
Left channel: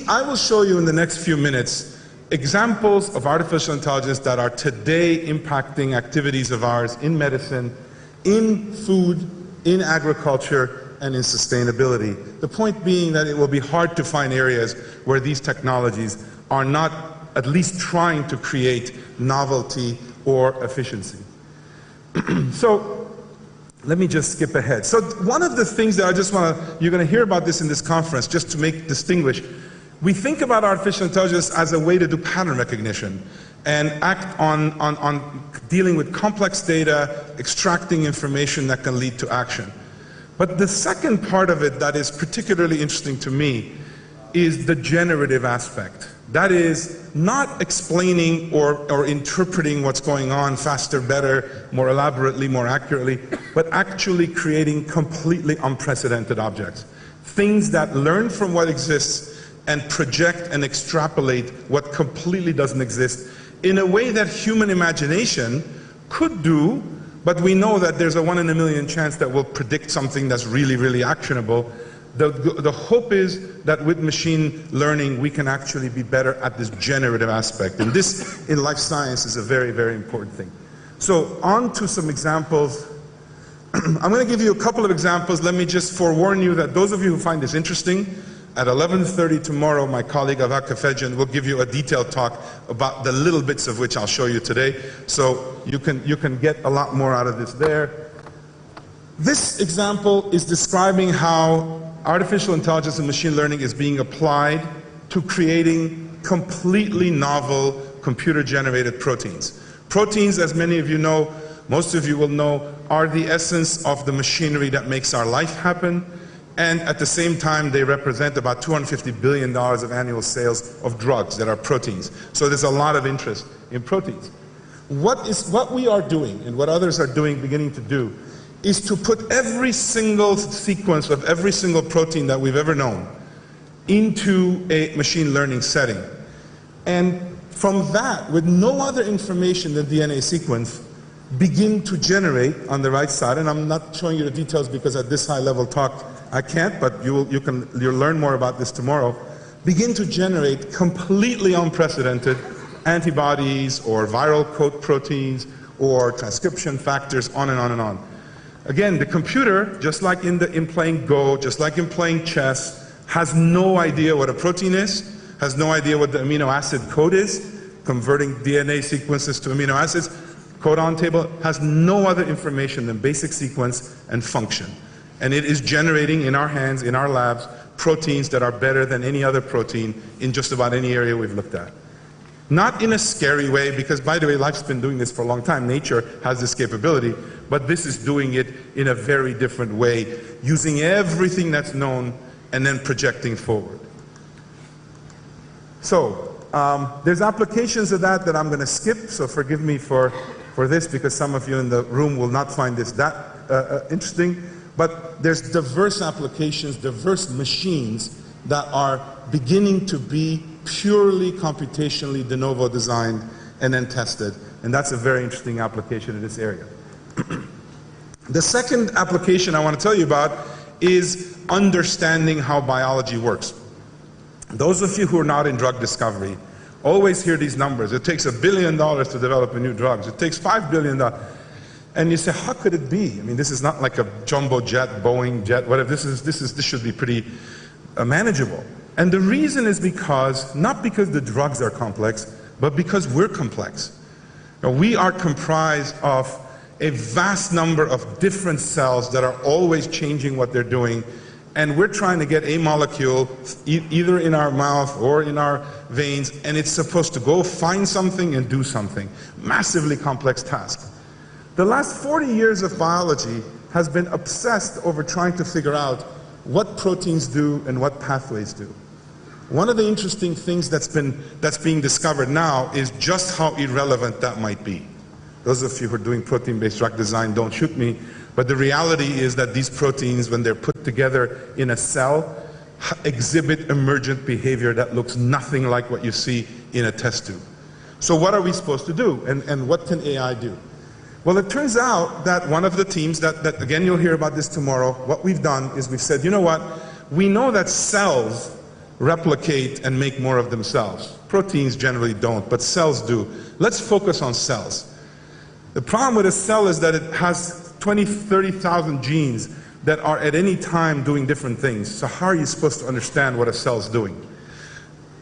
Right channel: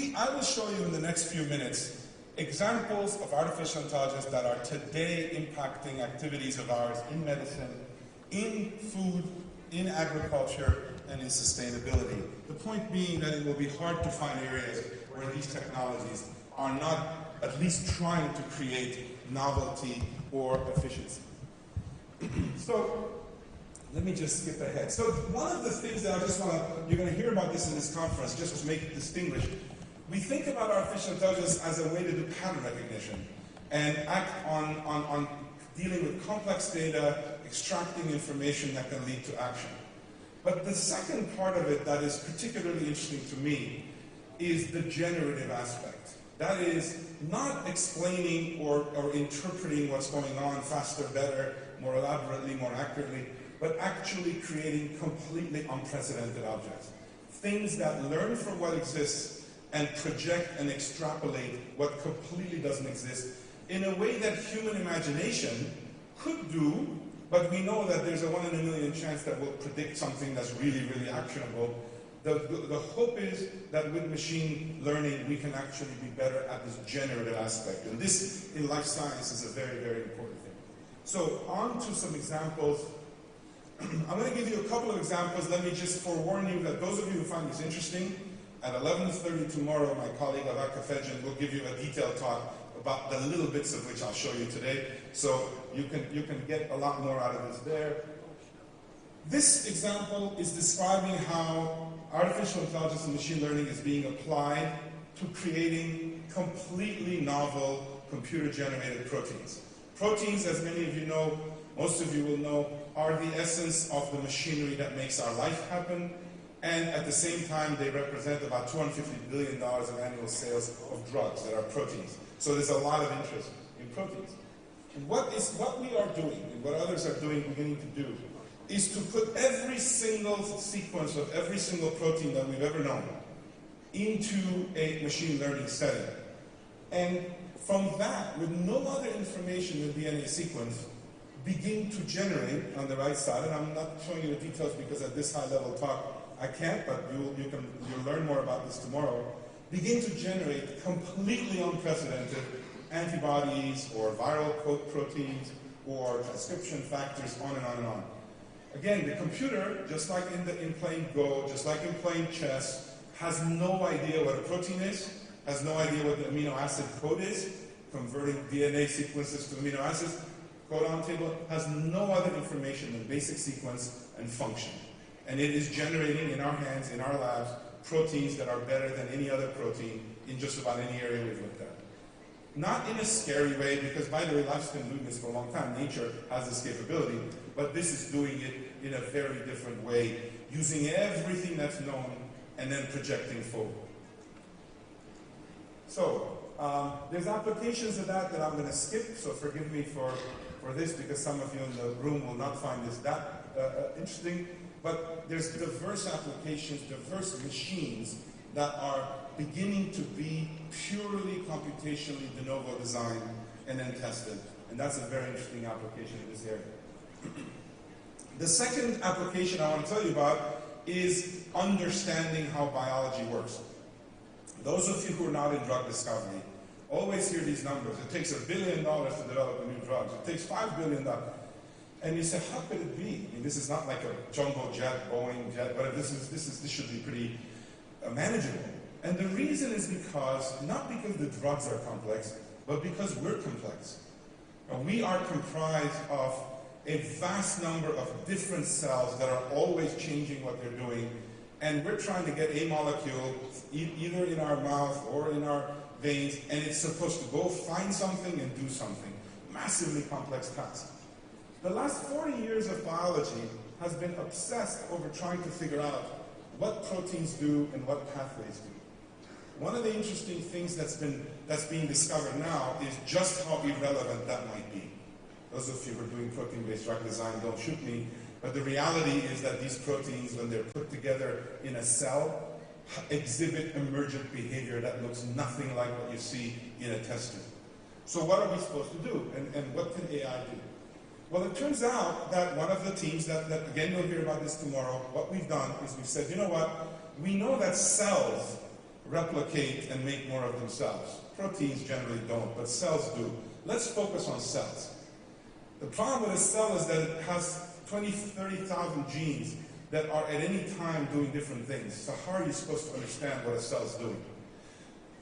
I will show you in the next few minutes examples of artificial intelligence that are today impacting activities of ours in medicine, in food, in agriculture, and in sustainability. The point being that it will be hard to find areas where these technologies are not at least trying to create novelty or efficiency. So let me just skip ahead. So one of the things that I just want to, you're going to hear about this in this conference, just to make distinguish. We think about artificial intelligence as a way to do pattern recognition and act on dealing with complex data, extracting information that can lead to action. But the second part of it that is particularly interesting to me is the generative aspect. That is not explaining or interpreting what's going on faster, better, more elaborately, more accurately, but actually creating completely unprecedented objects. Things that learn from what exists and project and extrapolate what completely doesn't exist in a way that human imagination could do, but we know that there's a 1 in a million chance that we'll predict something that's really, really actionable. The hope is that with machine learning, we can actually be better at this generative aspect. And this, in life science, is a very, very important thing. So on to some examples. I'm going to give you a couple of examples. Let me just forewarn you that those of you who find this interesting, at 11:30 tomorrow, my colleague Avak Kafedjian will give you a detailed talk about the little bits of which I'll show you today. So you can get a lot more out of this there. This example is describing how artificial intelligence and machine learning is being applied to creating completely novel computer-generated proteins. Proteins, as many of you know, most of you will know, are the essence of the machinery that makes our life happen. And at the same time, they represent about $250 billion of annual sales of drugs that are proteins. So there's a lot of interest in proteins. What we are doing, and what others are beginning to do, is to put every single sequence of every single protein that we've ever known into a machine learning setting. And from that, with no other information than DNA sequence, begin to generate on the right side, and I'm not showing you the details because at this high level talk I can't, but you'll learn more about this tomorrow, begin to generate completely unprecedented antibodies or viral coat proteins or transcription factors, on and on and on. Again, the computer, just like in playing Go, just like in playing chess, has no idea what a protein is, has no idea what the amino acid code is, converting DNA sequences to amino acids, codon table, has no other information than basic sequence and function. And it is generating in our hands, in our labs, proteins that are better than any other protein in just about any area we've looked at. Not in a scary way, because by the way, life's been doing this for a long time. Nature has this capability, but this is doing it in a very different way, using everything that's known and then projecting forward. So there's applications of that I'm going to skip, so forgive me for this, because some of you in the room will not find this that interesting. But there's diverse applications, diverse machines that are beginning to be purely computationally de novo designed and then tested. And that's a very interesting application in this area. The second application I want to tell you about is understanding how biology works. Those of you who are not in drug discovery always hear these numbers. It takes $1 billion to develop a new drug. It takes $5 billion. And you say, how could it be? I mean, this is not like a jumbo jet, Boeing jet, whatever. This should be pretty manageable. And the reason is because, not because the drugs are complex, but because we're complex. Now, we are comprised of a vast number of different cells that are always changing what they're doing. And we're trying to get a molecule either in our mouth or in our veins, and it's supposed to go find something and do something. Massively complex task. The last 40 years of biology has been obsessed over trying to figure out what proteins do and what pathways do. One of the interesting things that's being discovered now is just how irrelevant that might be. Those of you who are doing protein-based drug design, don't shoot me, but the reality is that these proteins, when they're put together in a cell, exhibit emergent behavior that looks nothing like what you see in a test tube. So what are we supposed to do, and what can AI do? Well, it turns out that one of the teams that again, you'll hear about this tomorrow, what we've done is we've said, you know what, we know that cells replicate and make more of themselves. Proteins generally don't, but cells do. Let's focus on cells. The problem with a cell is that it has 20, 30,000 genes that are at any time doing different things. So how are you supposed to understand what a cell's doing?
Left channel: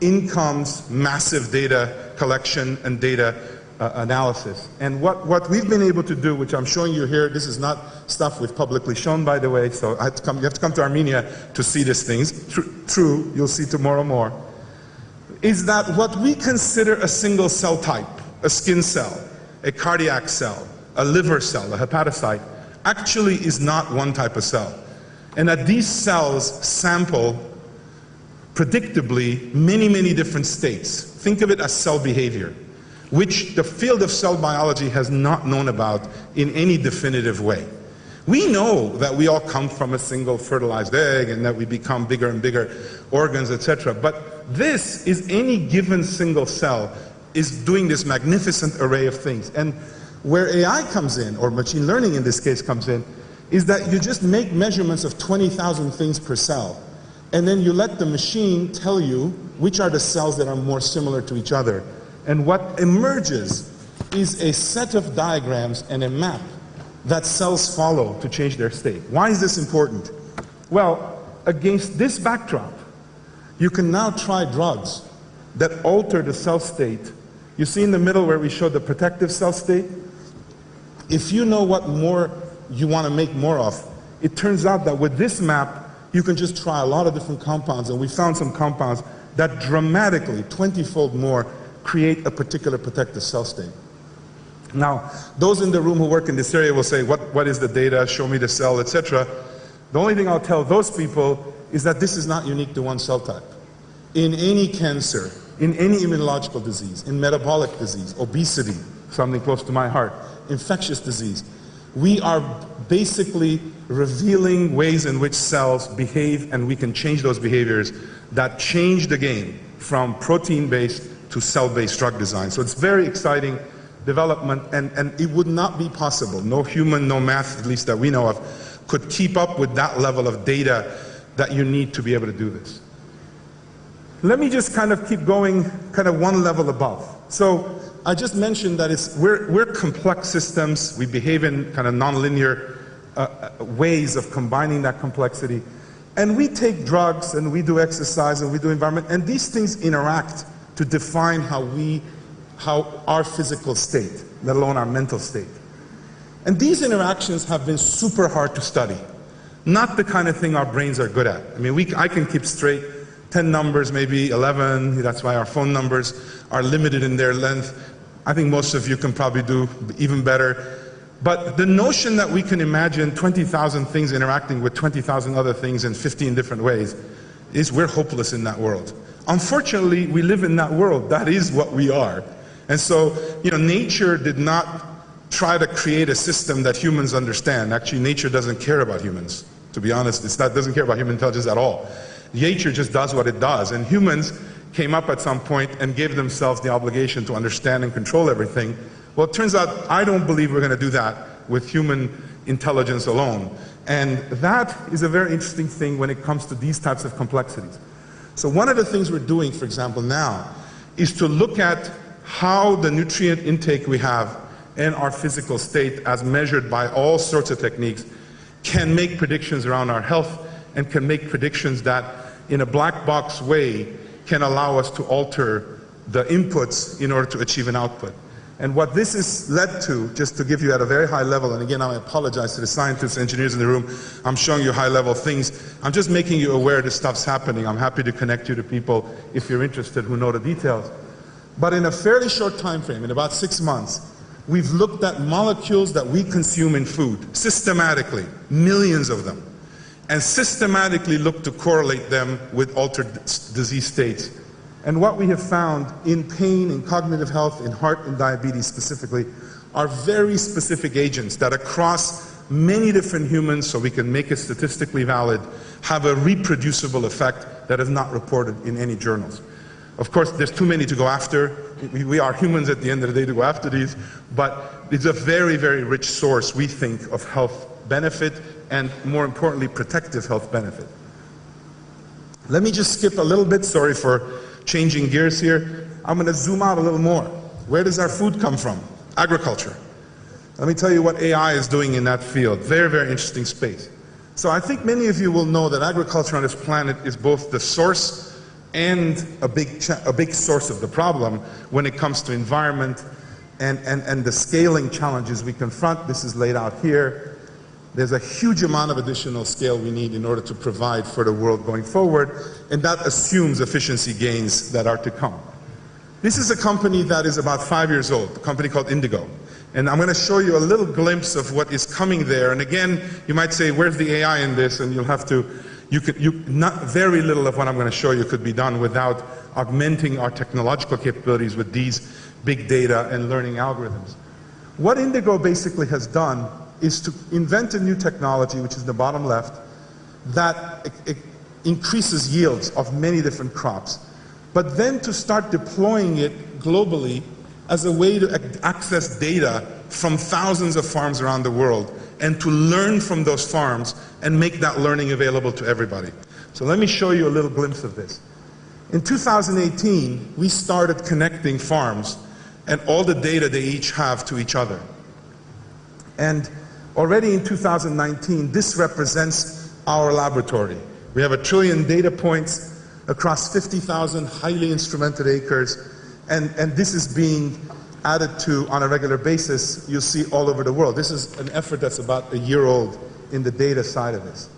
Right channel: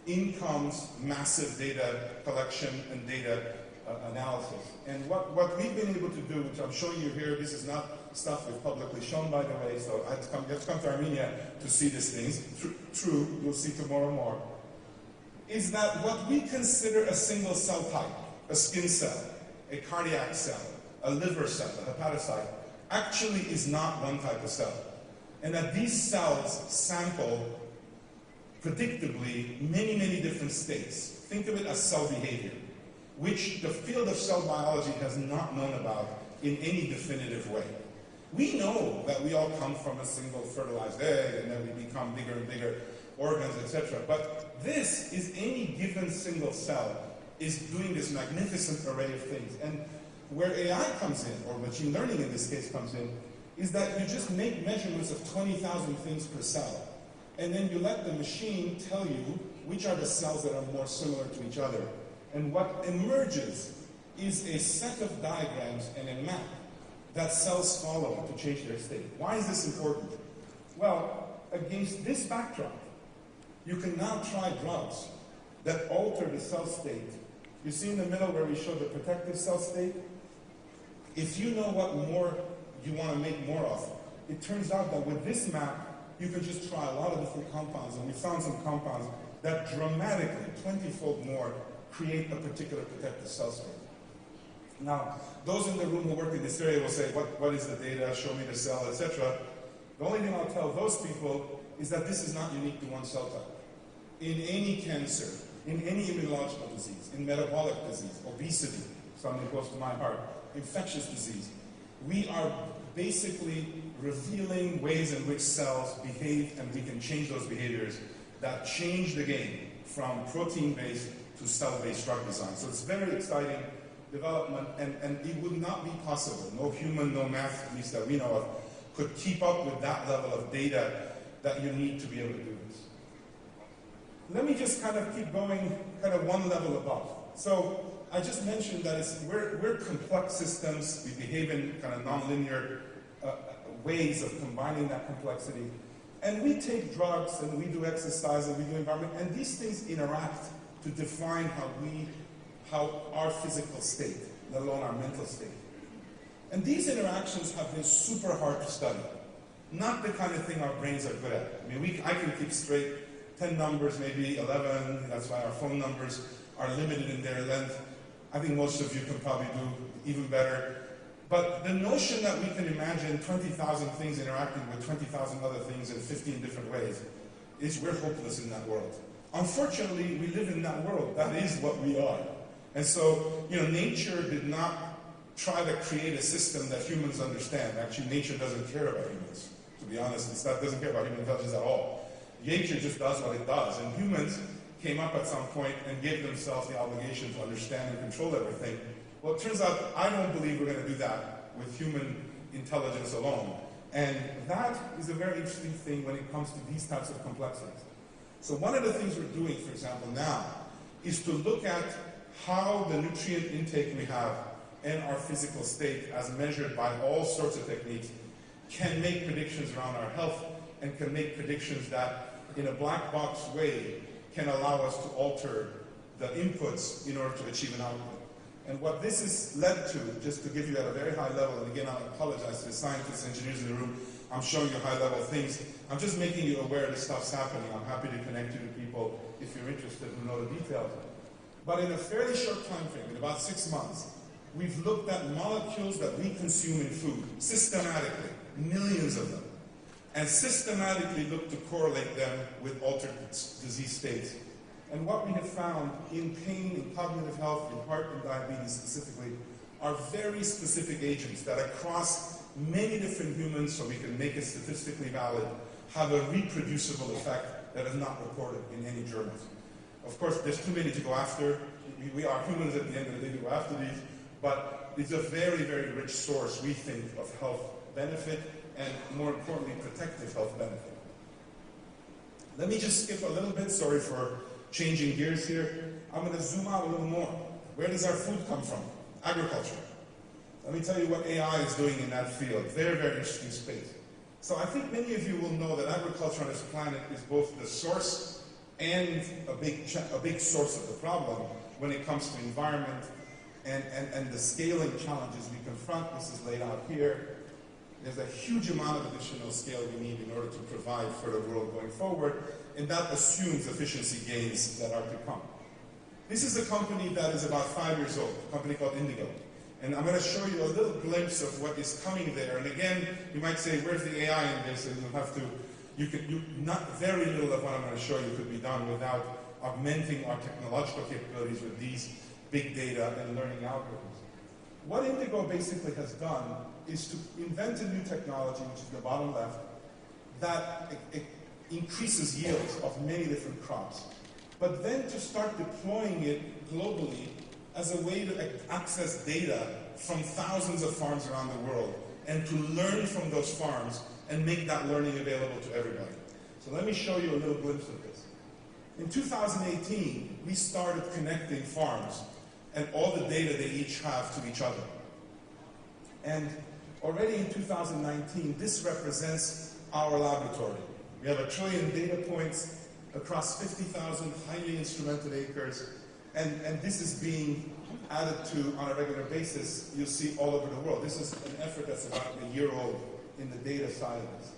In comes massive data collection and data analysis. And what we've been able to do, which I'm showing you here, this is not stuff we've publicly shown, by the way, so you have to come to Armenia to see these things. True, you'll see tomorrow more. Is that what we consider a single cell type, a skin cell, a cardiac cell, a liver cell, a hepatocyte, actually is not one type of cell. And that these cells sample predictably many, many different states. Think of it as cell behavior, which the field of cell biology has not known about in any definitive way. We know that we all come from a single fertilized egg and that we become bigger and bigger organs, etc. But this is any given single cell is doing this magnificent array of things. And where AI comes in, or machine learning in this case comes in, is that you just make measurements of 20,000 things per cell. And then you let the machine tell you which are the cells that are more similar to each other. And what emerges is a set of diagrams and a map that cells follow to change their state. Why is this important? Well, against this backdrop, you can now try drugs that alter the cell state. You see in the middle where we showed the protective cell state? If you know what more you want to make more of, it turns out that with this map, you can just try a lot of different compounds, and we found some compounds that dramatically, 20-fold more, create a particular protective cell state. Now, those in the room who work in this area will say, what is the data, show me the cell, etc. The only thing I'll tell those people is that this is not unique to one cell type. In any cancer, in any immunological disease, in metabolic disease, obesity, something close to my heart, infectious disease, we are basically revealing ways in which cells behave, and we can change those behaviors that change the game from protein-based to cell-based drug design. So it's very exciting development, and it would not be possible. No human, no math, at least that we know of, could keep up with that level of data that you need to be able to do this. Let me just kind of keep going kind of one level above. So I just mentioned that we're complex systems. We behave in kind of nonlinear ways of combining that complexity. And we take drugs, and we do exercise, and we do environment, and these things interact to define how our physical state, let alone our mental state. And these interactions have been super hard to study. Not the kind of thing our brains are good at. I mean, I can keep straight 10 numbers, maybe 11. That's why our phone numbers are limited in their length. I think most of you can probably do even better. But the notion that we can imagine 20,000 things interacting with 20,000 other things in 15 different ways we're hopeless in that world. Unfortunately, we live in that world. That is what we are. And so, nature did not try to create a system that humans understand. Actually, nature doesn't care about humans. To be honest, it doesn't care about human intelligence at all. Nature just does what it does. And humans came up at some point and gave themselves the obligation to understand and control everything. Well, it turns out I don't believe we're going to do that with human intelligence alone. And that is a very interesting thing when it comes to these types of complexities. So one of the things we're doing, for example, now, is to look at how the nutrient intake we have and our physical state, as measured by all sorts of techniques, can make predictions around our health and can make predictions that, in a black box way, can allow us to alter the inputs in order to achieve an output. And what this has led to, just to give you at a very high level, and again, I apologize to the scientists, engineers in the room, I'm showing you high-level things. I'm just making you aware this stuff's happening. I'm happy to connect you to people, if you're interested, who know the details. But in a fairly short time frame, in about 6 months, we've looked at molecules that we consume in food, systematically, millions of them, and systematically looked to correlate them with altered disease states. And what we have found in pain, in cognitive health, in heart and diabetes specifically, are very specific agents that across many different humans, so we can make it statistically valid, have a reproducible effect that is not reported in any journals. Of course, there's too many to go after. We are humans at the end of the day to go after these, but it's a very, very rich source, we think, of health benefit and, more importantly, protective health benefit. Let me just skip a little bit, sorry for changing gears here. I'm going to zoom out a little more. Where does our food come from? Agriculture. Let me tell you what AI is doing in that field. Very, very interesting space. So I think many of you will know that agriculture on this planet is both the source and a big source of the problem when it comes to environment and the scaling challenges we confront. This is laid out here. There's a huge amount of additional scale we need in order to provide for the world going forward, and that assumes efficiency gains that are to come. This is a company that is about 5 years old, a company called Indigo. And I'm going to show you a little glimpse of what is coming there. And again, you might say, where's the AI in this? And you'll have to, not very little of what I'm going to show you could be done without augmenting our technological capabilities with these big data and learning algorithms. What Indigo basically has done is to invent a new technology, which is the bottom left, that increases yields of many different crops, but then to start deploying it globally as a way to access data from thousands of farms around the world and to learn from those farms and make that learning available to everybody. So let me show you a little glimpse of this. In 2018, we started connecting farms and all the data they each have to each other. And already in 2019, this represents our laboratory. We have 1 trillion data points across 50,000 highly instrumented acres, and this is being added to on a regular basis. You'll see all over the world. This is an effort that's about a year old in the data side of this.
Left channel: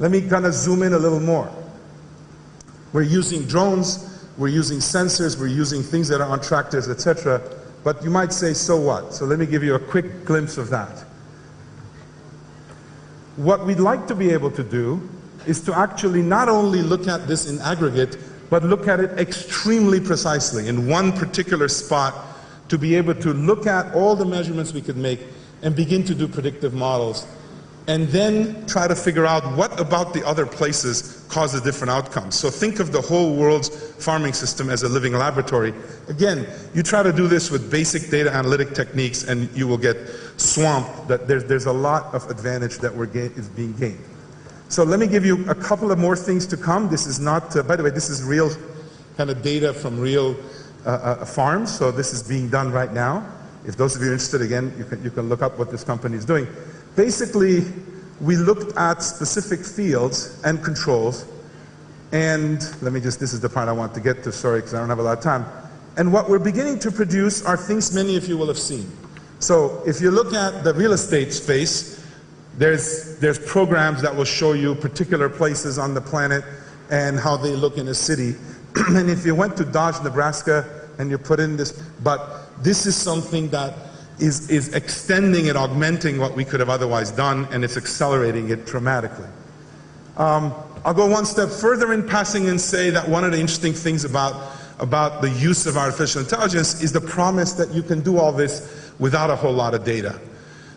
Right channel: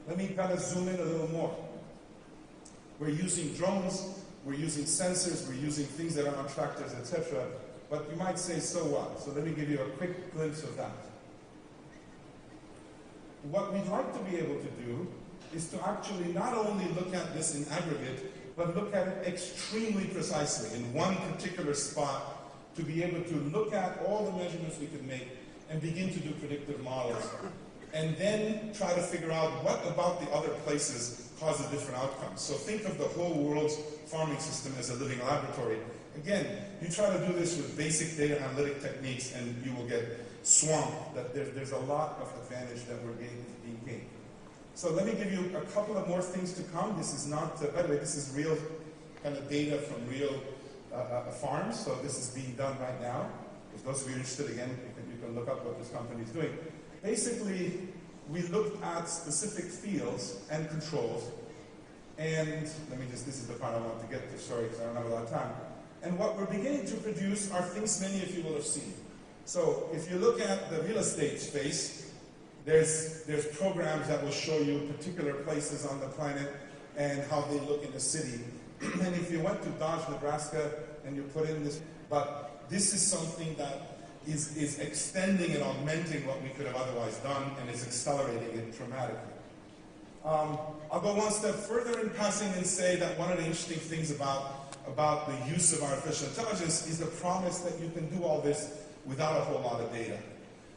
Let me kind of zoom in a little more. We're using drones, we're using sensors, we're using things that are on tractors, etc. But you might say, so what? So let me give you a quick glimpse of that. What we'd like to be able to do is to actually not only look at this in aggregate, but look at it extremely precisely in one particular spot, to be able to look at all the measurements we could make and begin to do predictive models, and then try to figure out what about the other places cause a different outcome. So think of the whole world's farming system as a living laboratory. Again, you try to do this with basic data analytic techniques and you will get swamped. That there's a lot of advantage that is being gained. So let me give you a couple of more things to come. This is not, by the way, this is real kind of data from real farms. So this is being done right now. If those of you are interested, again, you can look up what this company is doing. Basically, we looked at specific fields and controls. And let me just, this is the part I want to get to, sorry, because I don't have a lot of time. And what we're beginning to produce are things many of you will have seen. So if you look at the real estate space, there's programs that will show you particular places on the planet and how they look in a city. And if you went to Dodge, Nebraska, and you put in this, but this is something that is extending and augmenting what we could have otherwise done, and it's accelerating it dramatically. I'll go one step further in passing and say that one of the interesting things about the use of artificial intelligence is the promise that you can do all this without a whole lot of data.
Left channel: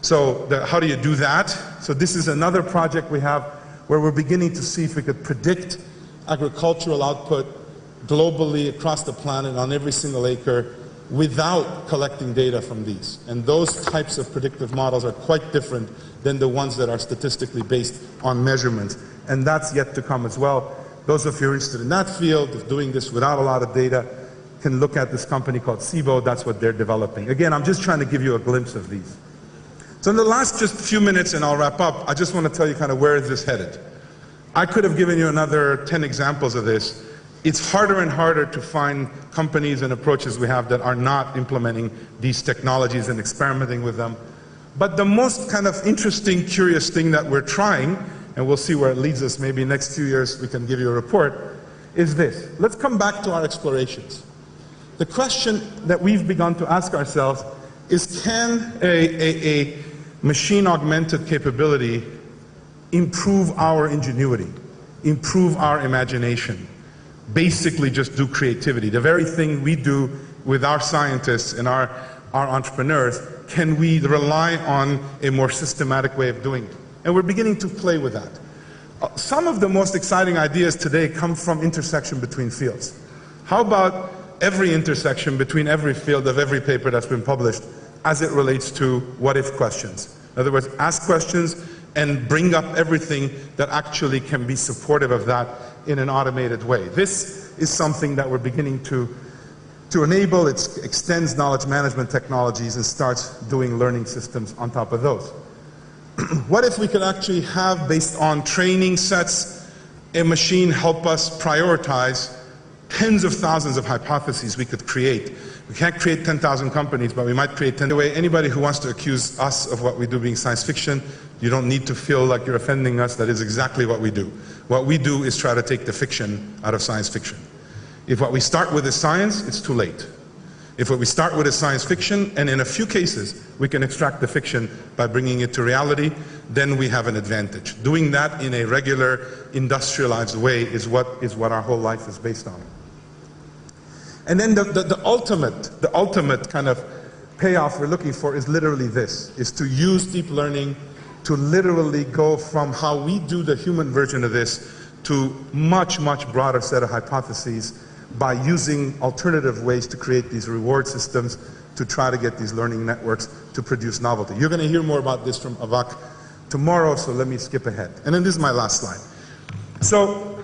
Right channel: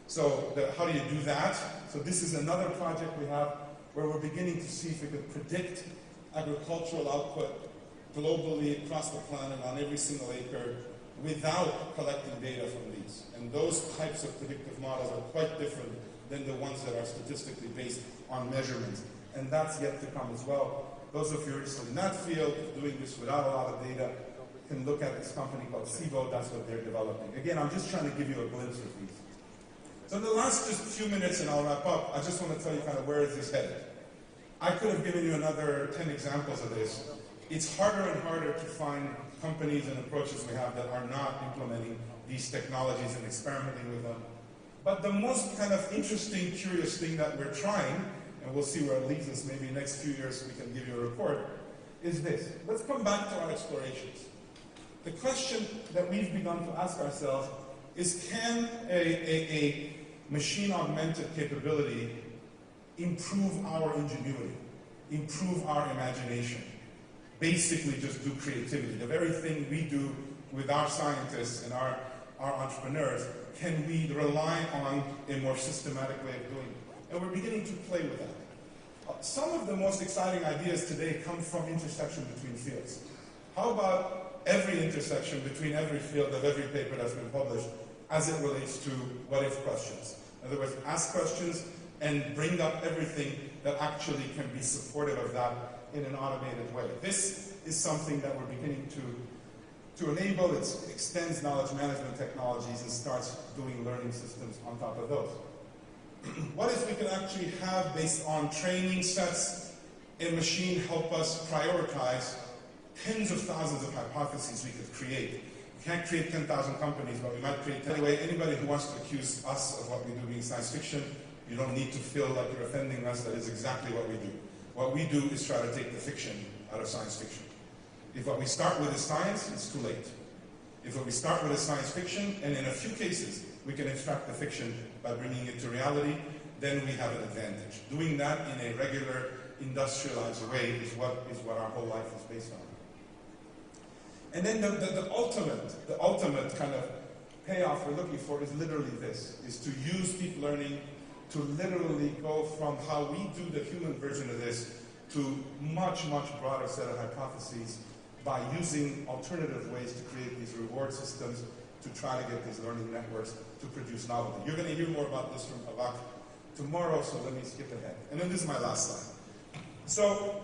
So how do you do that? So this is another project we have where we're beginning to see if we could predict agricultural output globally across the planet on every single acre without collecting data from these. And those types of predictive models are quite different than the ones that are statistically based on measurements. And that's yet to come as well. Those of you who are interested in that field, of doing this without a lot of data, can look at this company called SIBO. That's what they're developing. Again, I'm just trying to give you a glimpse of these. So in the last just few minutes, and I'll wrap up, I just want to tell you kind of where is this headed. I could have given you another 10 examples of this. It's harder and harder to find companies and approaches we have that are not implementing these technologies and experimenting with them. But the most kind of interesting, curious thing that we're trying, and we'll see where it leads us, maybe next 2 years we can give you a report, is this. Let's come back to our explorations. The question that we've begun to ask ourselves is, can a machine-augmented capability improve our ingenuity, improve our imagination, basically just do creativity? The very thing we do with our scientists and our entrepreneurs, can we rely on a more systematic way of doing it? And we're beginning to play with that. Some of the most exciting ideas today come from intersection between fields. How about every intersection between every field of every paper that's been published as it relates to what-if questions? In other words, ask questions and bring up everything that actually can be supportive of that in an automated way. This is something that we're beginning to enable. It extends knowledge management technologies and starts doing learning systems on top of those. What if we could actually have, based on training sets, a machine help us prioritize tens of thousands of hypotheses we could create? We can't create 10,000 companies, but we might create 10. Anyway, anybody who wants to accuse us of what we do being science fiction, you don't need to feel like you're offending us. That is exactly what we do. What we do is try to take the fiction out of science fiction. If what we start with is science, it's too late. If what we start with is science fiction, and in a few cases we can extract the fiction by bringing it to reality, then we have an advantage. Doing that in a regular, industrialized way is what our whole life is based on. And then the ultimate kind of payoff we're looking for is literally this, is to use deep learning to literally go from how we do the human version of this to much, much broader set of hypotheses by using alternative ways to create these reward systems to try to get these learning networks to produce novelty. You're going to hear more about this from Avak tomorrow, so let me skip ahead. And then this is my last slide. So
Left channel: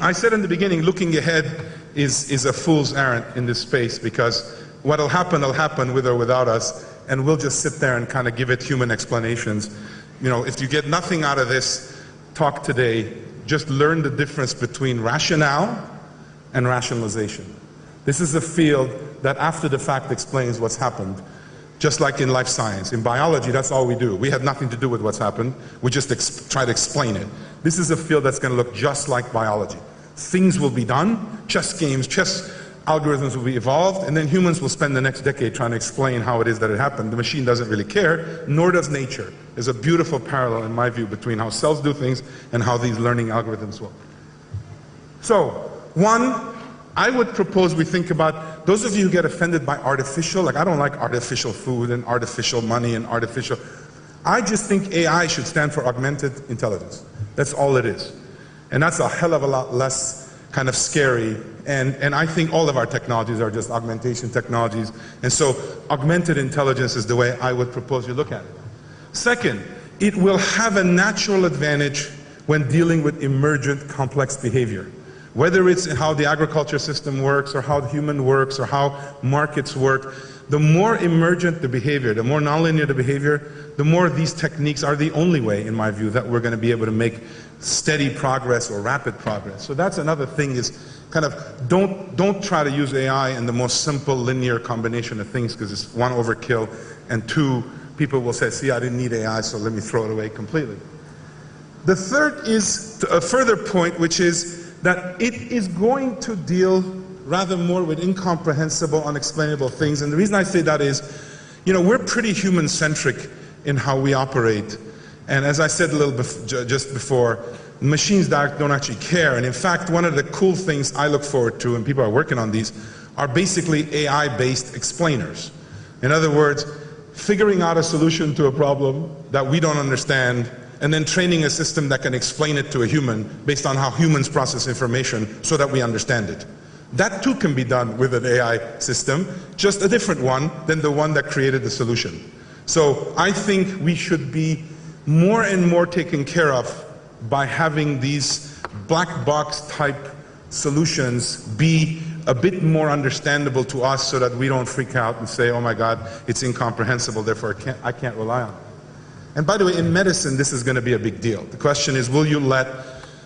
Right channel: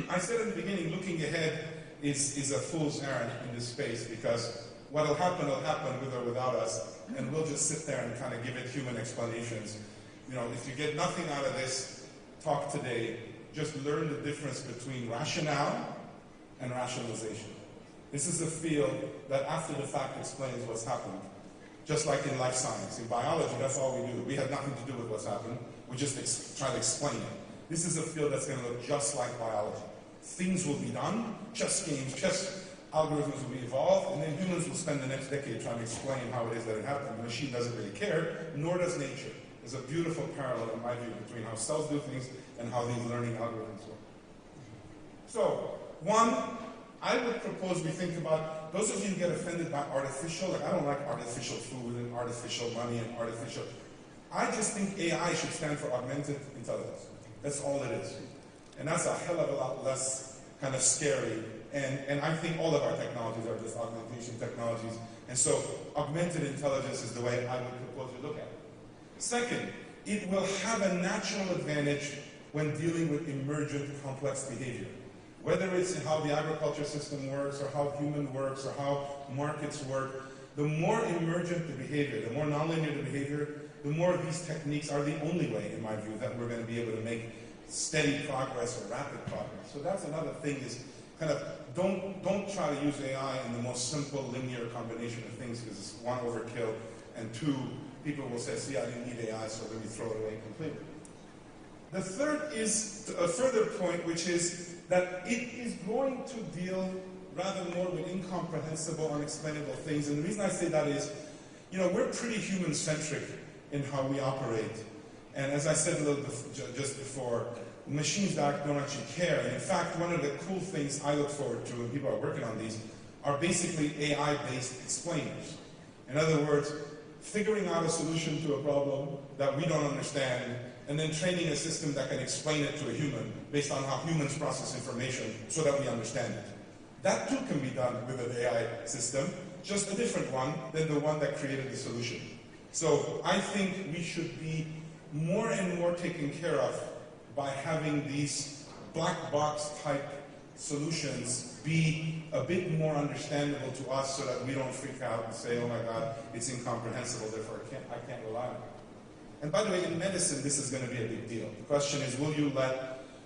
I said in the beginning, looking ahead is a fool's errand in this space, because what'll happen with or without us, and we'll just sit there and kind of give it human explanations. You know, if you get nothing out of this talk today, just learn the difference between rationale and rationalization. This is a field that after the fact explains what's happened, just like in life science. In biology, that's all we do. We have nothing to do with what's happened. We just try to explain it. This is a field that's going to look just like biology. Things will be done, chess algorithms will be evolved, and then humans will spend the next decade trying to explain how it is that it happened. The machine doesn't really care, nor does nature. There's a beautiful parallel, in my view, between how cells do things and how these learning algorithms work. So, one, I would propose we think about, those of you who get offended by artificial, like I don't like artificial food and artificial money and artificial, I just think AI should stand for augmented intelligence. That's all it is. And that's a hell of a lot less kind of scary. And I think all of our technologies are just augmentation technologies. And so augmented intelligence is the way I would propose you look at it. Second, it will have a natural advantage when dealing with emergent complex behavior. Whether it's in how the agriculture system works, or how human works, or how markets work, the more emergent the behavior, the more nonlinear the behavior, the more these techniques are the only way, in my view, that we're going to be able to make steady progress or rapid progress. So that's another thing, is kind of don't try to use AI in the most simple linear combination of things, because it's one, overkill, and two, people will say, see, I didn't need AI, so let me throw it away completely. The third is a further point, which is that it is going to deal rather more with incomprehensible, unexplainable things. And the reason I say that is, you know, we're pretty human-centric in how we operate. And as I said a little just before, machines don't actually care. And in fact, one of the cool things I look forward to, and people are working on these, are basically AI-based explainers. In other words, figuring out a solution to a problem that we don't understand, and then training a system that can explain it to a human based on how humans process information so that we understand it. That too can be done with an AI system, just a different one than the one that created the solution. So I think we should be more and more taken care of by having these black box type solutions be a bit more understandable to us, so that we don't freak out and say, oh my God, it's incomprehensible, therefore I can't rely on it. And by the way, in medicine, this is going to be a big deal. The question is, will you let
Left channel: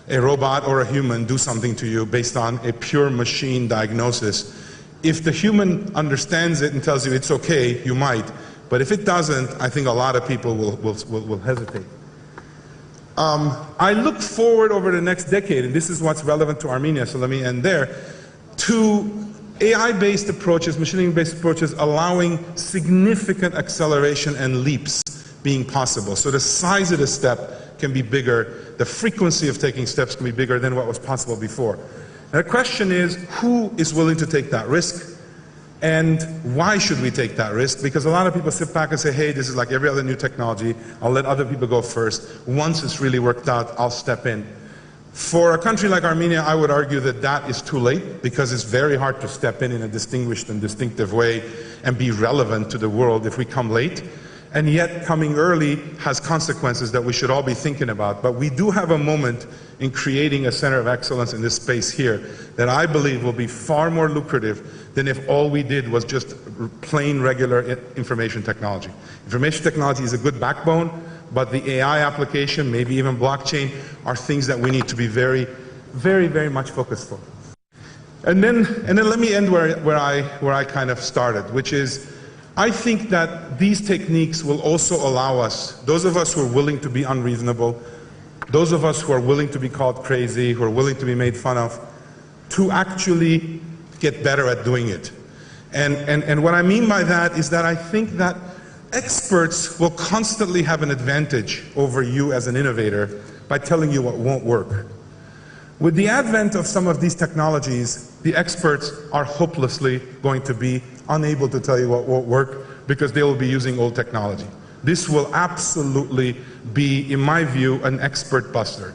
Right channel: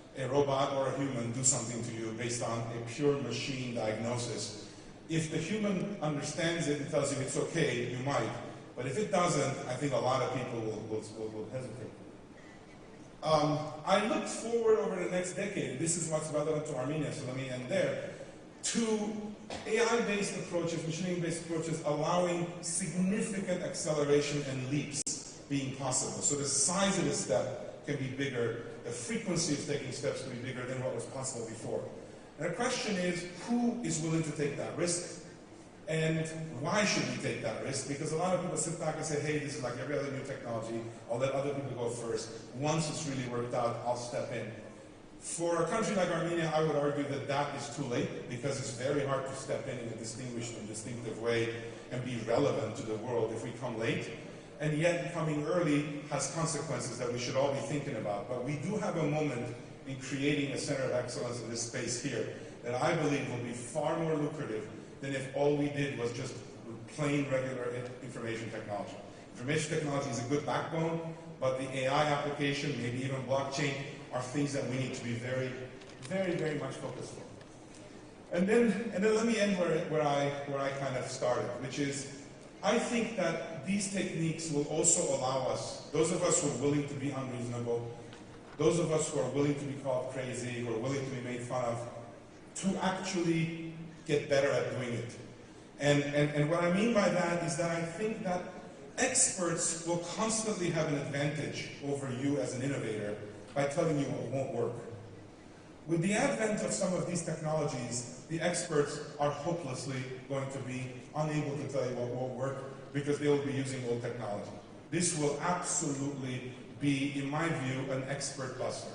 a robot or a human do something to you based on a pure machine diagnosis? If the human understands it and tells you it's okay, you might. But if it doesn't, I think a lot of people will hesitate. I look forward over the next decade, and this is what's relevant to Armenia, so let me end there, to AI-based approaches, machine learning-based approaches, allowing significant acceleration and leaps being possible. So the size of the step can be bigger, the frequency of taking steps can be bigger than what was possible before. And the question is, who is willing to take that risk? And why should we take that risk? Because a lot of people sit back and say, hey, this is like every other new technology, I'll let other people go first. Once it's really worked out, I'll step in. For a country like Armenia, I would argue that that is too late, because it's very hard to step in a distinguished and distinctive way and be relevant to the world if we come late. And yet coming early has consequences that we should all be thinking about. But we do have a moment in creating a center of excellence in this space here that I believe will be far more lucrative than if all we did was just plain regular information technology. Information technology is a good backbone, but the AI application, maybe even blockchain, are things that we need to be very, very, very much focused on. And then let me end where I kind of started, which is, I think that these techniques will also allow us, those of us who are willing to be unreasonable, those of us who are willing to be called crazy, who are willing to be made fun of, to actually get better at doing it. And what I mean by that is that I think that experts will constantly have an advantage over you as an innovator by telling you what won't work. With the advent of some of these technologies, the experts are hopelessly going to be unable to tell you what won't work, because they will be using old technology. This will absolutely be, in my view, an expert buster.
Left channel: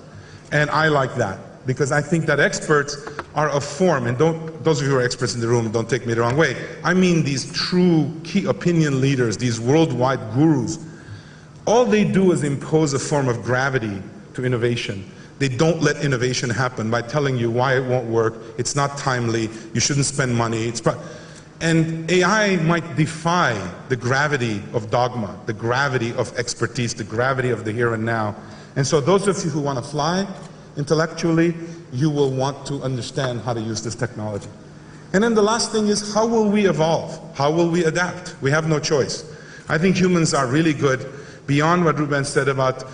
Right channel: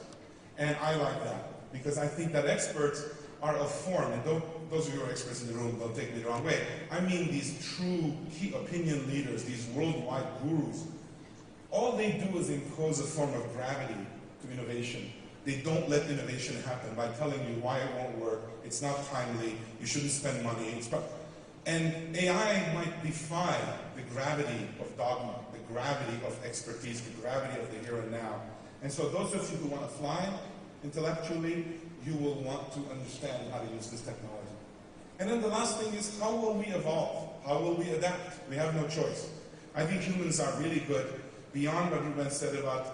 And I like that, because I think that experts are a form, and those of you who are experts in the room, don't take me the wrong way. I mean these true key opinion leaders, these worldwide gurus. All they do is impose a form of gravity to innovation. They don't let innovation happen by telling you why it won't work, it's not timely, you shouldn't spend money. And AI might defy the gravity of dogma, the gravity of expertise, the gravity of the here and now. And so those of you who want to fly intellectually, you will want to understand how to use this technology. And then the last thing is, how will we evolve? How will we adapt? We have no choice. I think humans are really good, beyond what Ruben said about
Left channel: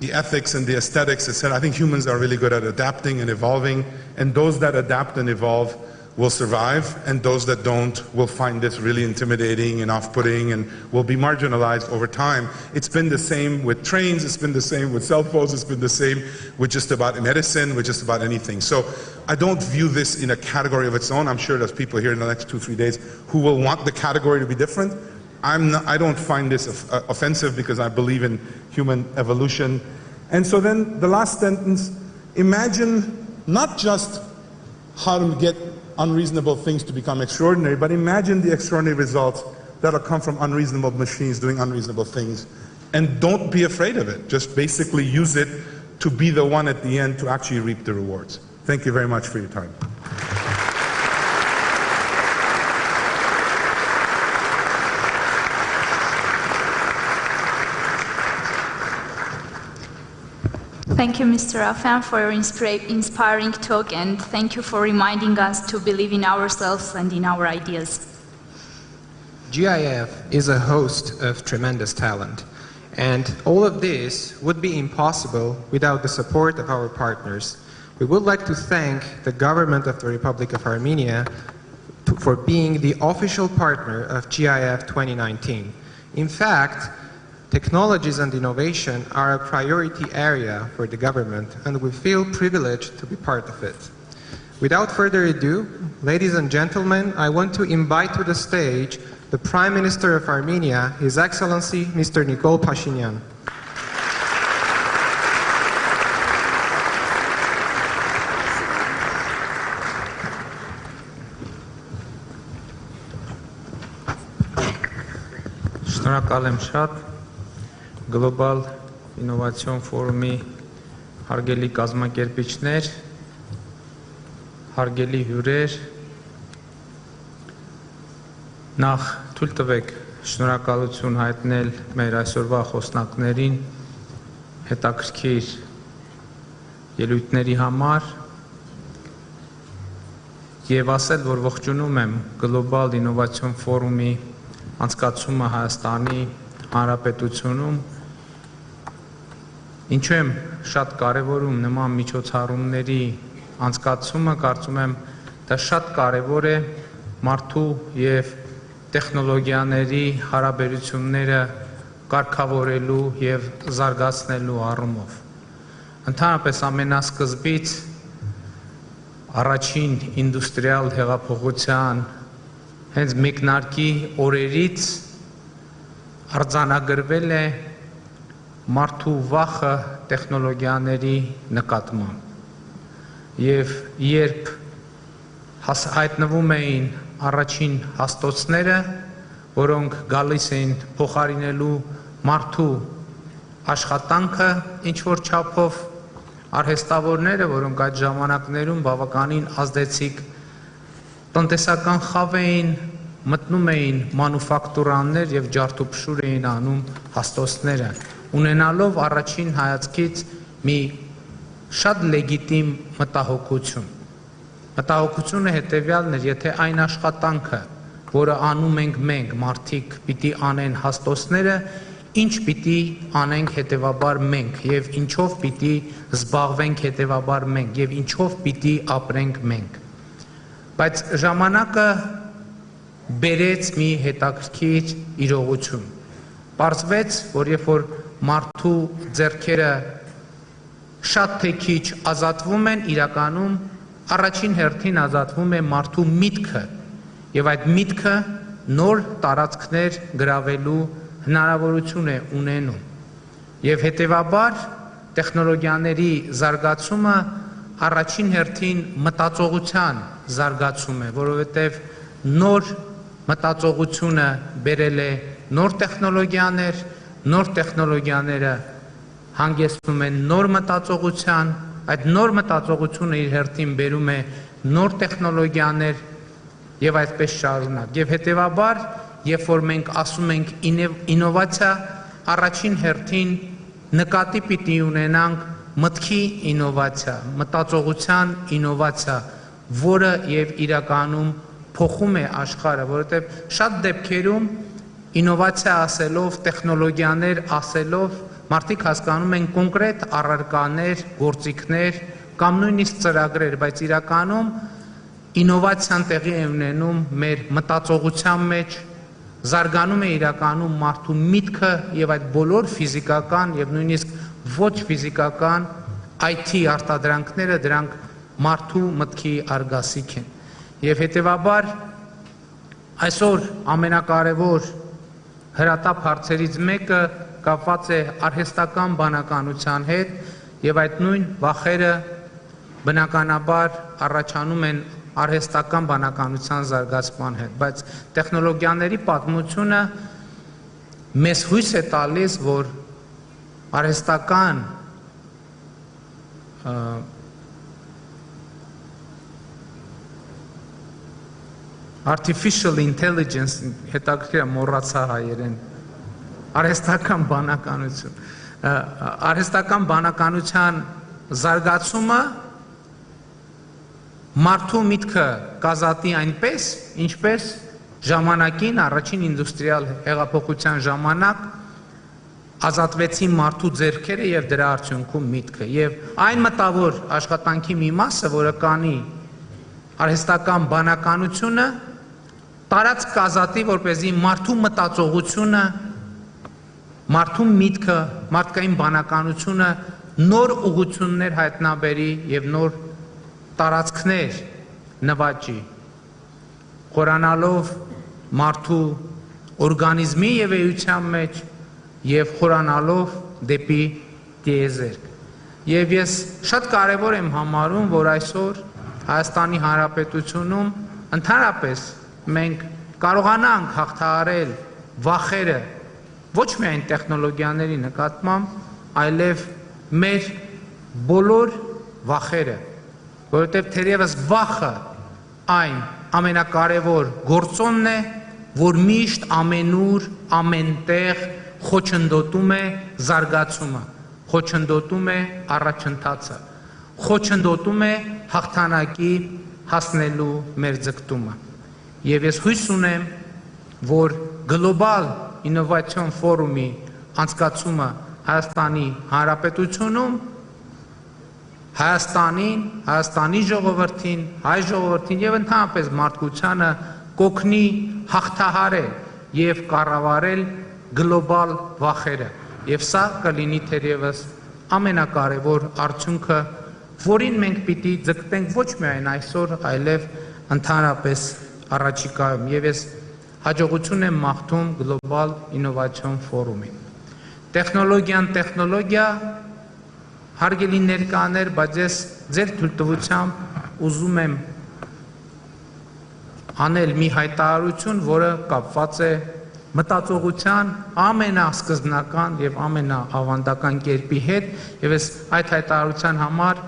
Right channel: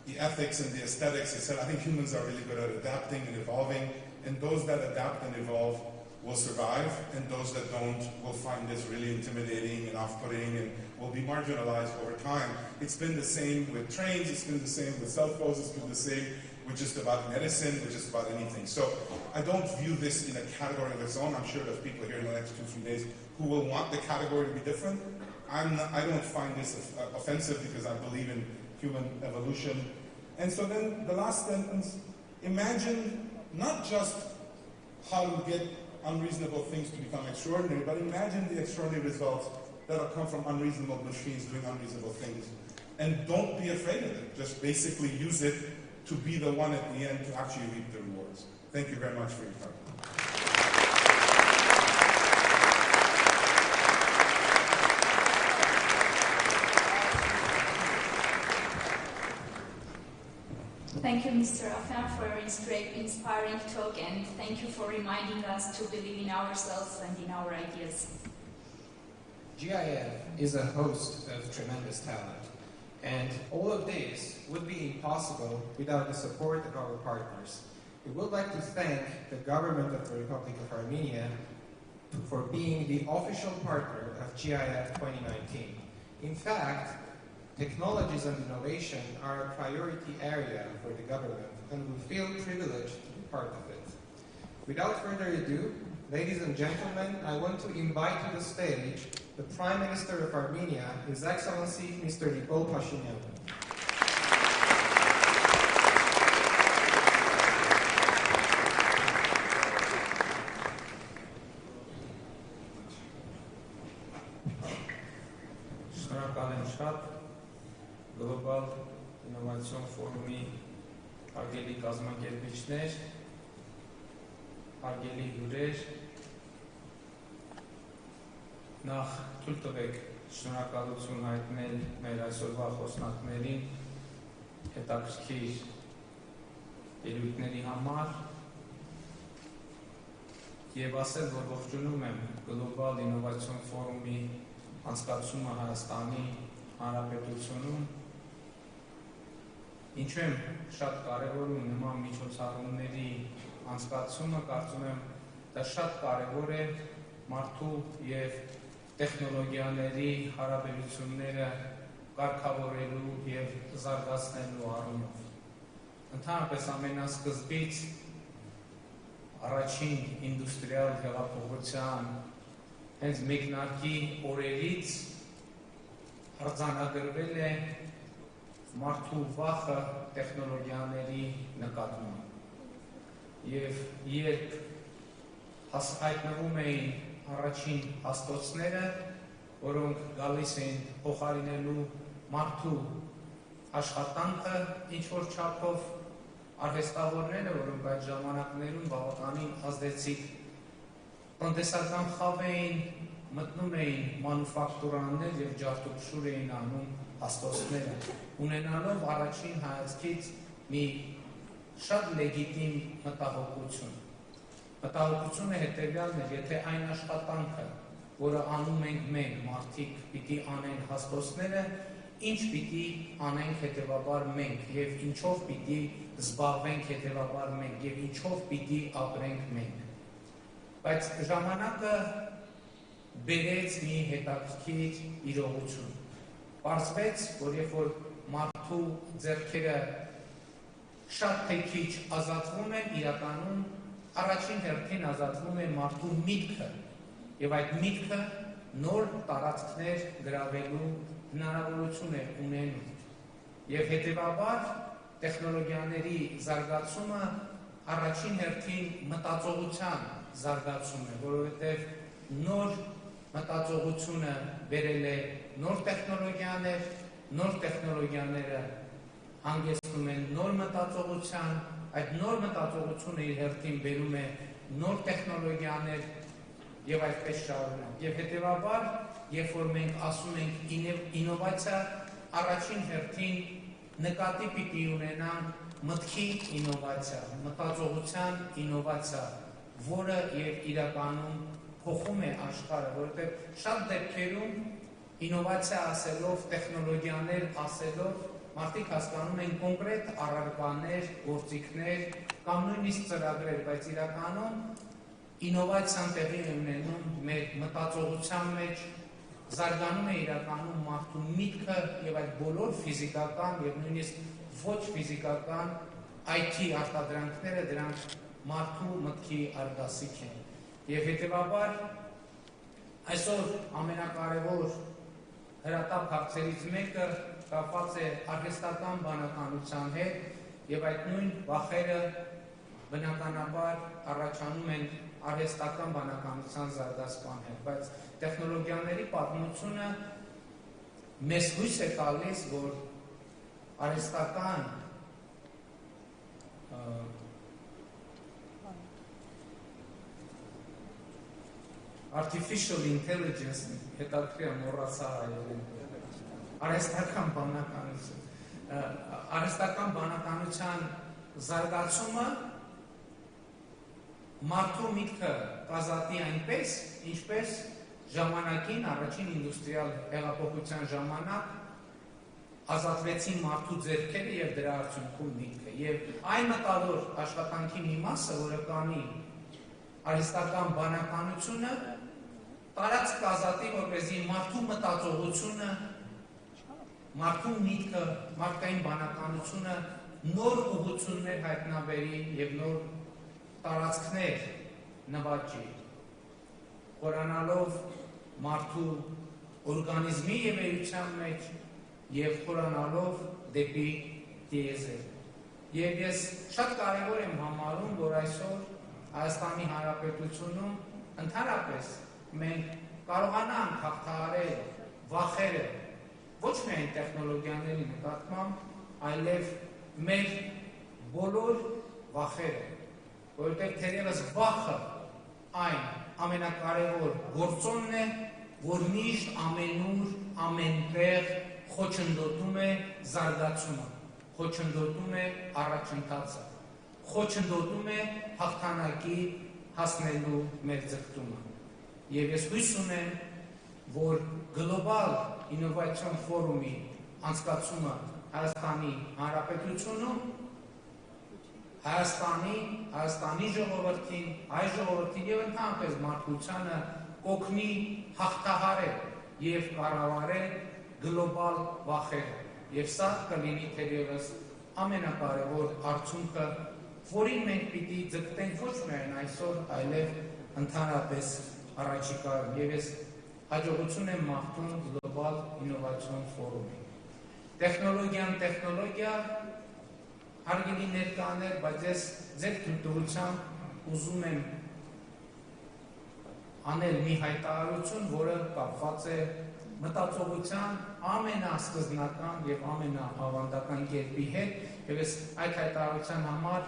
the ethics and the aesthetics, etc. I think humans are really good at adapting and evolving, and those that adapt and evolve will survive, and those that don't will find this really intimidating and off-putting and will be marginalized over time. It's been the same with trains, it's been the same with cell phones, it's been the same with just about medicine, with just about anything. So I don't view this in a category of its own. I'm sure there's people here in the next 2-3 days who will want the category to be different. I don't find this offensive, because I believe in human evolution. And so then the last sentence, imagine not just how to get unreasonable things to become extraordinary, but imagine the extraordinary results that'll come from unreasonable machines doing unreasonable things. And don't be afraid of it. Just basically use it to be the one at the end to actually reap the rewards. Thank you very much for your time. Thank you, Mr. Afan, for your inspiring talk, and thank you for reminding us to believe in ourselves and in our ideas. GIF is a host of tremendous talent, and all of this would be impossible without the support of our partners. We would like to thank the government of the Republic of Armenia for being the official partner of GIF 2019. In fact, technologies and innovation are a priority area for the government, and we feel privileged to be part of it. Without further ado, ladies and gentlemen, I want to invite to the stage the Prime Minister of Armenia, His Excellency Mr. Nikol Pashinyan. Շնորհակալ եմ շատ Global Innovation Ֆորումի հարգելի կազմակերպիչներ, հարգելի հյուրեր, նախ թույլ տվեք շնորհակալություն հայտնել մեր այսօրվա խոսնակներին հետաքրքիր ելույթների համար եւ ասել, որ ողջունում եմ Global Innovation Ֆորումի անցկացումը Հայաստանի Հանրապետությունում, ինչու եմ շատ կարևորում նման միջոցառումների անցկացումը, կարծում եմ դա շատ կարևոր է մարդու եւ տեխնոլոգիաների հարաբերությունները կարգավորելու եւ զարգացնելու առումով։ Ընդհանրապես ամենասկզբից առաջին ինդուստրիալ հեղափոխության հենց մեկնարկի օրերից արձանագրվել է մարդու վախը տեխնոլոգիաների նկատմամբ եւ երբ հայտնվում էին առաջին հաստոցները, որոնք գալիս էին փոխարինելու մարդու աշխատանքը ինչ որ չափով, արհեստավորները, որոնք այդ ժամանակներում բավականին ազդեցիկ տնտեսական խավ էին, մտնում էին մանուֆակտուրաններ եւ ջարդուփշուր էին անում հաստոցները, ունենալով առաջին հայացքից մի շատ լեգիտիմ մտահոգություն։ Մտահոգությունը հետեւյալն էր, եթե այն աշխատանքը, որը անում ենք մենք, մարդիկ, պիտի անեն հաստոցները, ինչ պիտի անենք հետևաբար մենք եւ ինչով պիտի զբաղվենք հետևաբար մենք եւ ինչով պիտի ապրենք մենք։ Բայց ժամանակը բերեց մի հետաքրքիր իրողություն։ Պարզվեց, որ երբ որ մարդու ձեռքերը շատ թե քիչ ազատվում են, իրականում առաջին հերթին ազատվում է մարդու միտքը եւ այդ միտքը նոր տարածքներ գրավելու հնարավորություն է ունենում։ Եվ հետևաբար տեխնոլոգիաների զարգացումը առաջին հերթին մտածողության զարգացում է, որովհետև նոր մտածողությունը բերել է նոր տեխնոլոգիաներ, նոր տեխնոլոգիաները հանգեցնում են նոր մտածողության, այդ նոր մտածողությունը իր հերթին բերում է նոր տեխնոլոգիաներ եւ այդպես շարունակ։ Եվ հետեւաբար, երբ որ մենք ասում ենք ինովացիա, առաջին հերթին նկատի պիտի ունենանք մտքի ինովացիա, մտածողության ինովացիա, որը եւ իրականում փոխում է աշխարհը, որովհետեւ շատ դեպքերում ինովացիա ասելով, տեխնոլոգիաներ ասելով, մարդիկ հասկանում են կոնկրետ առարկաներ, գործիքներ կամ նույնիսկ ծրագրեր, բայց իրականում ինովացիան տեղի է ունենում մեր մտածողության մեջ, զարգանում է իրականում մարդու միտքը եւ այդ բոլոր ֆիզիկական եւ նույնիսկ ոչ ֆիզիկական IT արտադրանքները դրանք մարդու մտքի արգասիք են։ Եվ հետևաբար այսօր ամենակարևոր հրատապ հարցերից մեկը կապված է արհեստական բանականության հետ եւ այդ նույն վախերը բնականաբար առաջանում են արհեստական բանականության զարգացման հետ, բայց տեխնոլոգիաների պատմությունը մեզ հույս է տալիս, որ արհեստական artificial intelligence հետաքրքիր մոռացա հայերեն արհեստական բանականության զարգացումը մարդու միտքը կազատի այնպես, ինչպես ժամանակին առաջին ինդուստրիալ հեղափոխության ժամանակ ազատվեցին մարդու ձեռքերը եւ դրա արդյունքում միտքը եւ այն մտավոր աշխատանքի մի մասը, որը կանի արհեստական բանականությունը տարած կազատի, որպեսզի մարդու մտածողությունը, մարդու միտքը, մարդկային բանականությունը նոր ուղղություններ հայտնաբերի եւ նոր տարածքներ նվաճի, խորանալով մարդու օրգանիզմի եւ էության մեջ եւ խորանալով դեպի տիեզերք։ Եվ ես շատ կարեւոր եմ համարում, որ այսօր Հայաստանի Հանրապետությունում ընդհանրապես մենք կարողանանք հաղթահարել վախերը ոչ միայն տեխնոլոգիաների նկատմամբ, այլև մեր բոլոր վախերը, որովհետև թերևս վախը այն ամենակարևոր գործոնն է, որ միշտ ամենուր, ամենտեղ խոչընդոտում է զարգացումը, խոչընդոտում է առաջընթացը, խոչընդոտում է հաղթանակի հասնելու մեր ձգտումը։ Եվ ես հույս ունեմ, որ գլոբալ ինովացիոն ֆորումի անցկացումը Հայաստանի Հանրապետությունում Հայաստանին, Հայաստանի ժողովրդին, հայ ժողովրդին եւ ընդհանրապես մարդկությանը կօգնի հաղթահարել եւ կառավարել գլոբալ վախերը։ Եվ սա կլինի թերևս ամենակարևոր արդյունքը, որին մենք պիտի ձգտենք ոչ միայն այսօր, այլև ընդհանրապես առաջիկայում։ Եվ ես հաջողություն եմ մաղթում գլոբալ ինովացիոն ֆորումին։ Տեխնոլոգիա հարգելի ներկաներ, բայց ես ձեր թույլտվությամբ ուզում եմ անել մի հայտարարություն, որը կապված է մտածողության ամենասկզբնական եւ ամենաավանդական կերպի հետ, եւ ես այդ հայտարարության համար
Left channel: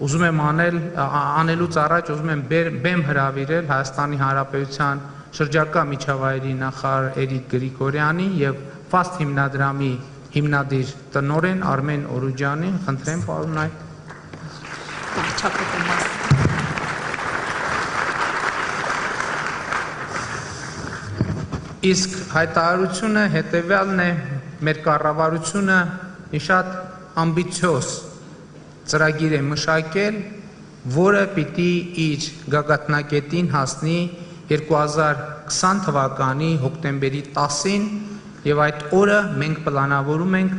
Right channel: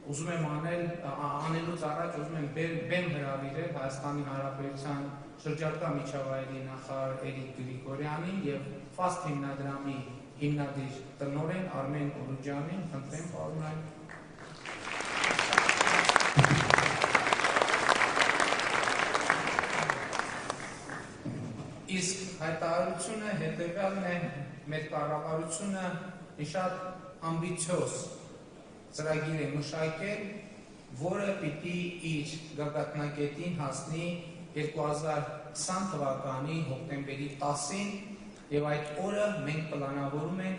ուզում եմ անելուց առաջ ուզում եմ բեմ հրավիրել Հայաստանի Հանրապետության շրջակա միջավայրի նախարար Էրիկ Գրիգորյանի եւ FAST հիմնադրամի հիմնադիր տնօրեն Արմեն Օրուջյանին, խնդրեմ պարոն Նայ։ Իսկ հայտարարությունը հետևյալն է, մեր կառավարությունը մի շատ ամբիցիոզ ծրագիր է մշակել, որը պիտի իր գագաթնակետին հասնի 2020 թվականի հոկտեմբերի 10-ին եւ այդ օրը մենք պլանավորում ենք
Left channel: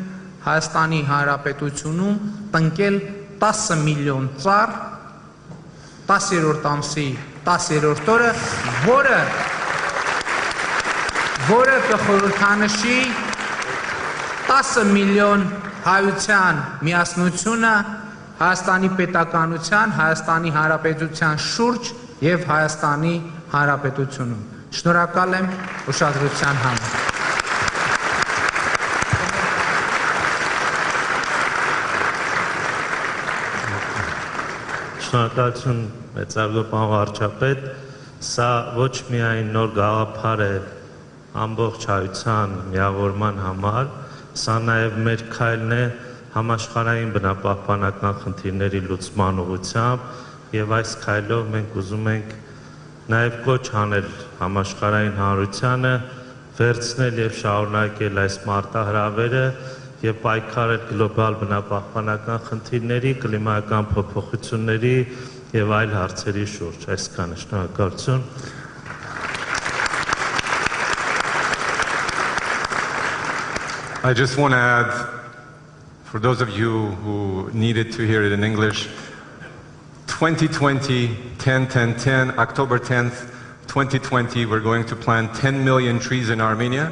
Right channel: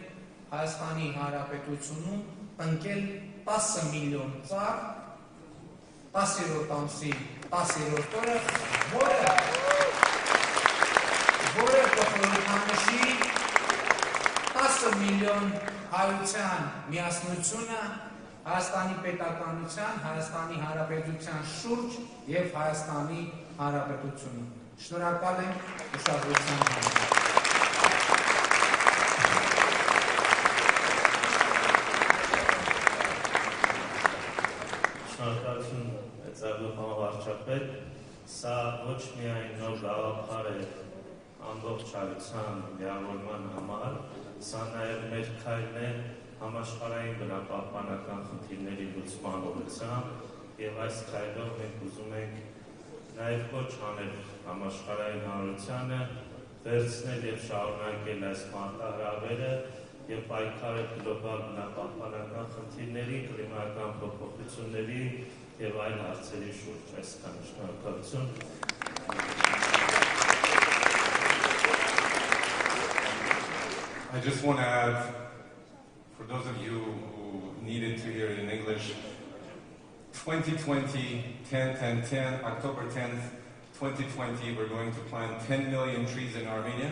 Հայաստանի Հանրապետությունում տնկել 10 միլիոն ծառ 10-րդ ամսի 10-րդ օրը, որը կխորհրդանշի 10 միլիոն հայության միասնությունը Հայաստանի պետականության, Հայաստանի Հանրապետության շուրջ եւ Հայաստանի Հանրապետությունում։ Շնորհակալ եմ ուշադրության համար։ Շնորհակալություն մեծարգո պարոն վարչապետ, սա ոչ միայն նոր գաղափար է ամբողջ հայության միավորման համար, սա նաև մեր քայլն է համաշխարհային բնապահպանական խնդիրների լուծման ուղղությամբ եւ այս քայլով մենք ուզում ենք նաև կոչ անել համաշխարհային հանրությանը վերցնել եւ շարունակել այս մարտահրավերը եւ պայքարել գլոբալ բնապահպանական խնդիրների, կլիմայական փոփոխությունների եւ այլ հարցերի շուրջ։ Այսքանը, շնորհակալություն։ I just want to add, for those of you who needed to hear it in English, 2020, 10-10-10, October 10th, 2020, we're going to plant 10 million trees in Armenia.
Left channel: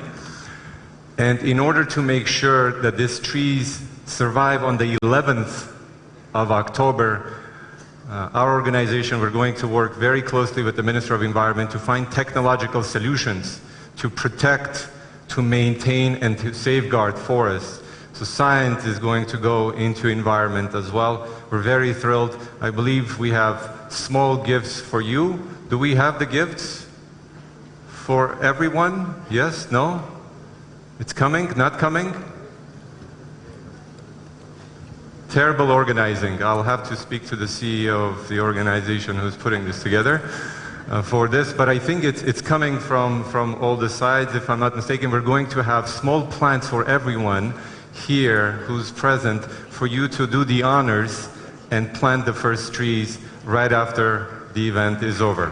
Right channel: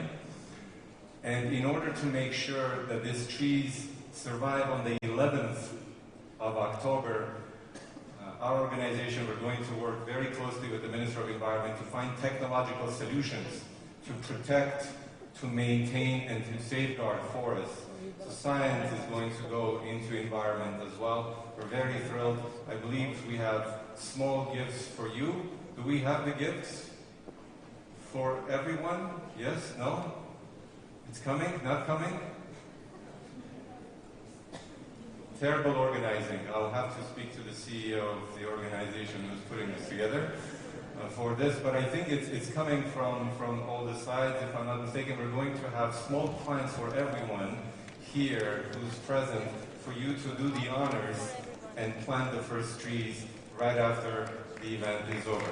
And in order to make sure that these trees survive on the 11th of October, Our organization, we're going to work very closely with the Minister of Environment to find technological solutions to protect, to maintain, and to safeguard forests. So science is going to go into environment as well. We're very thrilled. I believe we have small gifts for you. Do we have the gifts for everyone? Yes? No? It's coming? Not coming? Terrible organizing. I'll have to speak to the CEO of the organization who's putting this together for this, but I think it's coming from all the sides. If I'm not mistaken, we're going to have small plants for everyone here who's present for you to do the honors and plant the first trees right after the event is over.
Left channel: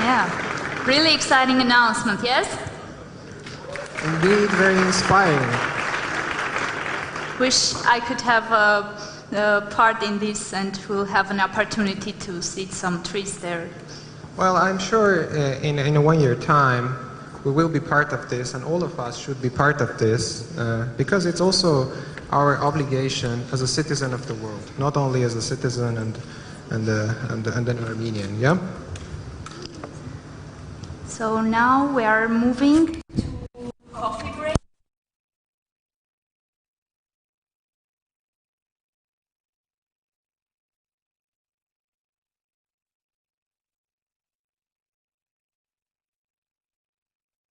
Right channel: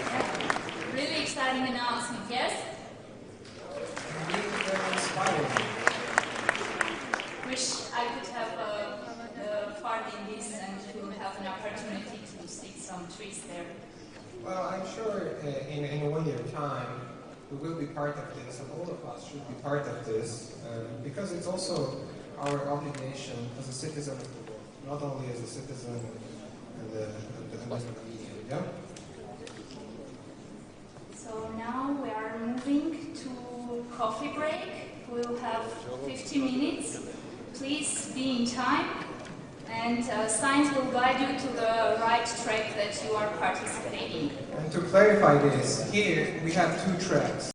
Yeah, really exciting announcement, yes? Indeed, very inspiring. Wish I could have a part in this and we'll have an opportunity to see some trees there. Well, I'm sure in a 1 year time, we will be part of this, and all of us should be part of this, because it's also our obligation as a citizen of the world, not only as a citizen and an Armenian, yeah? So now we are moving to coffee break. We'll have 50 minutes. Please be in time, and signs will guide you to the right track that you are participating. And to clarify this, here we have two tracks.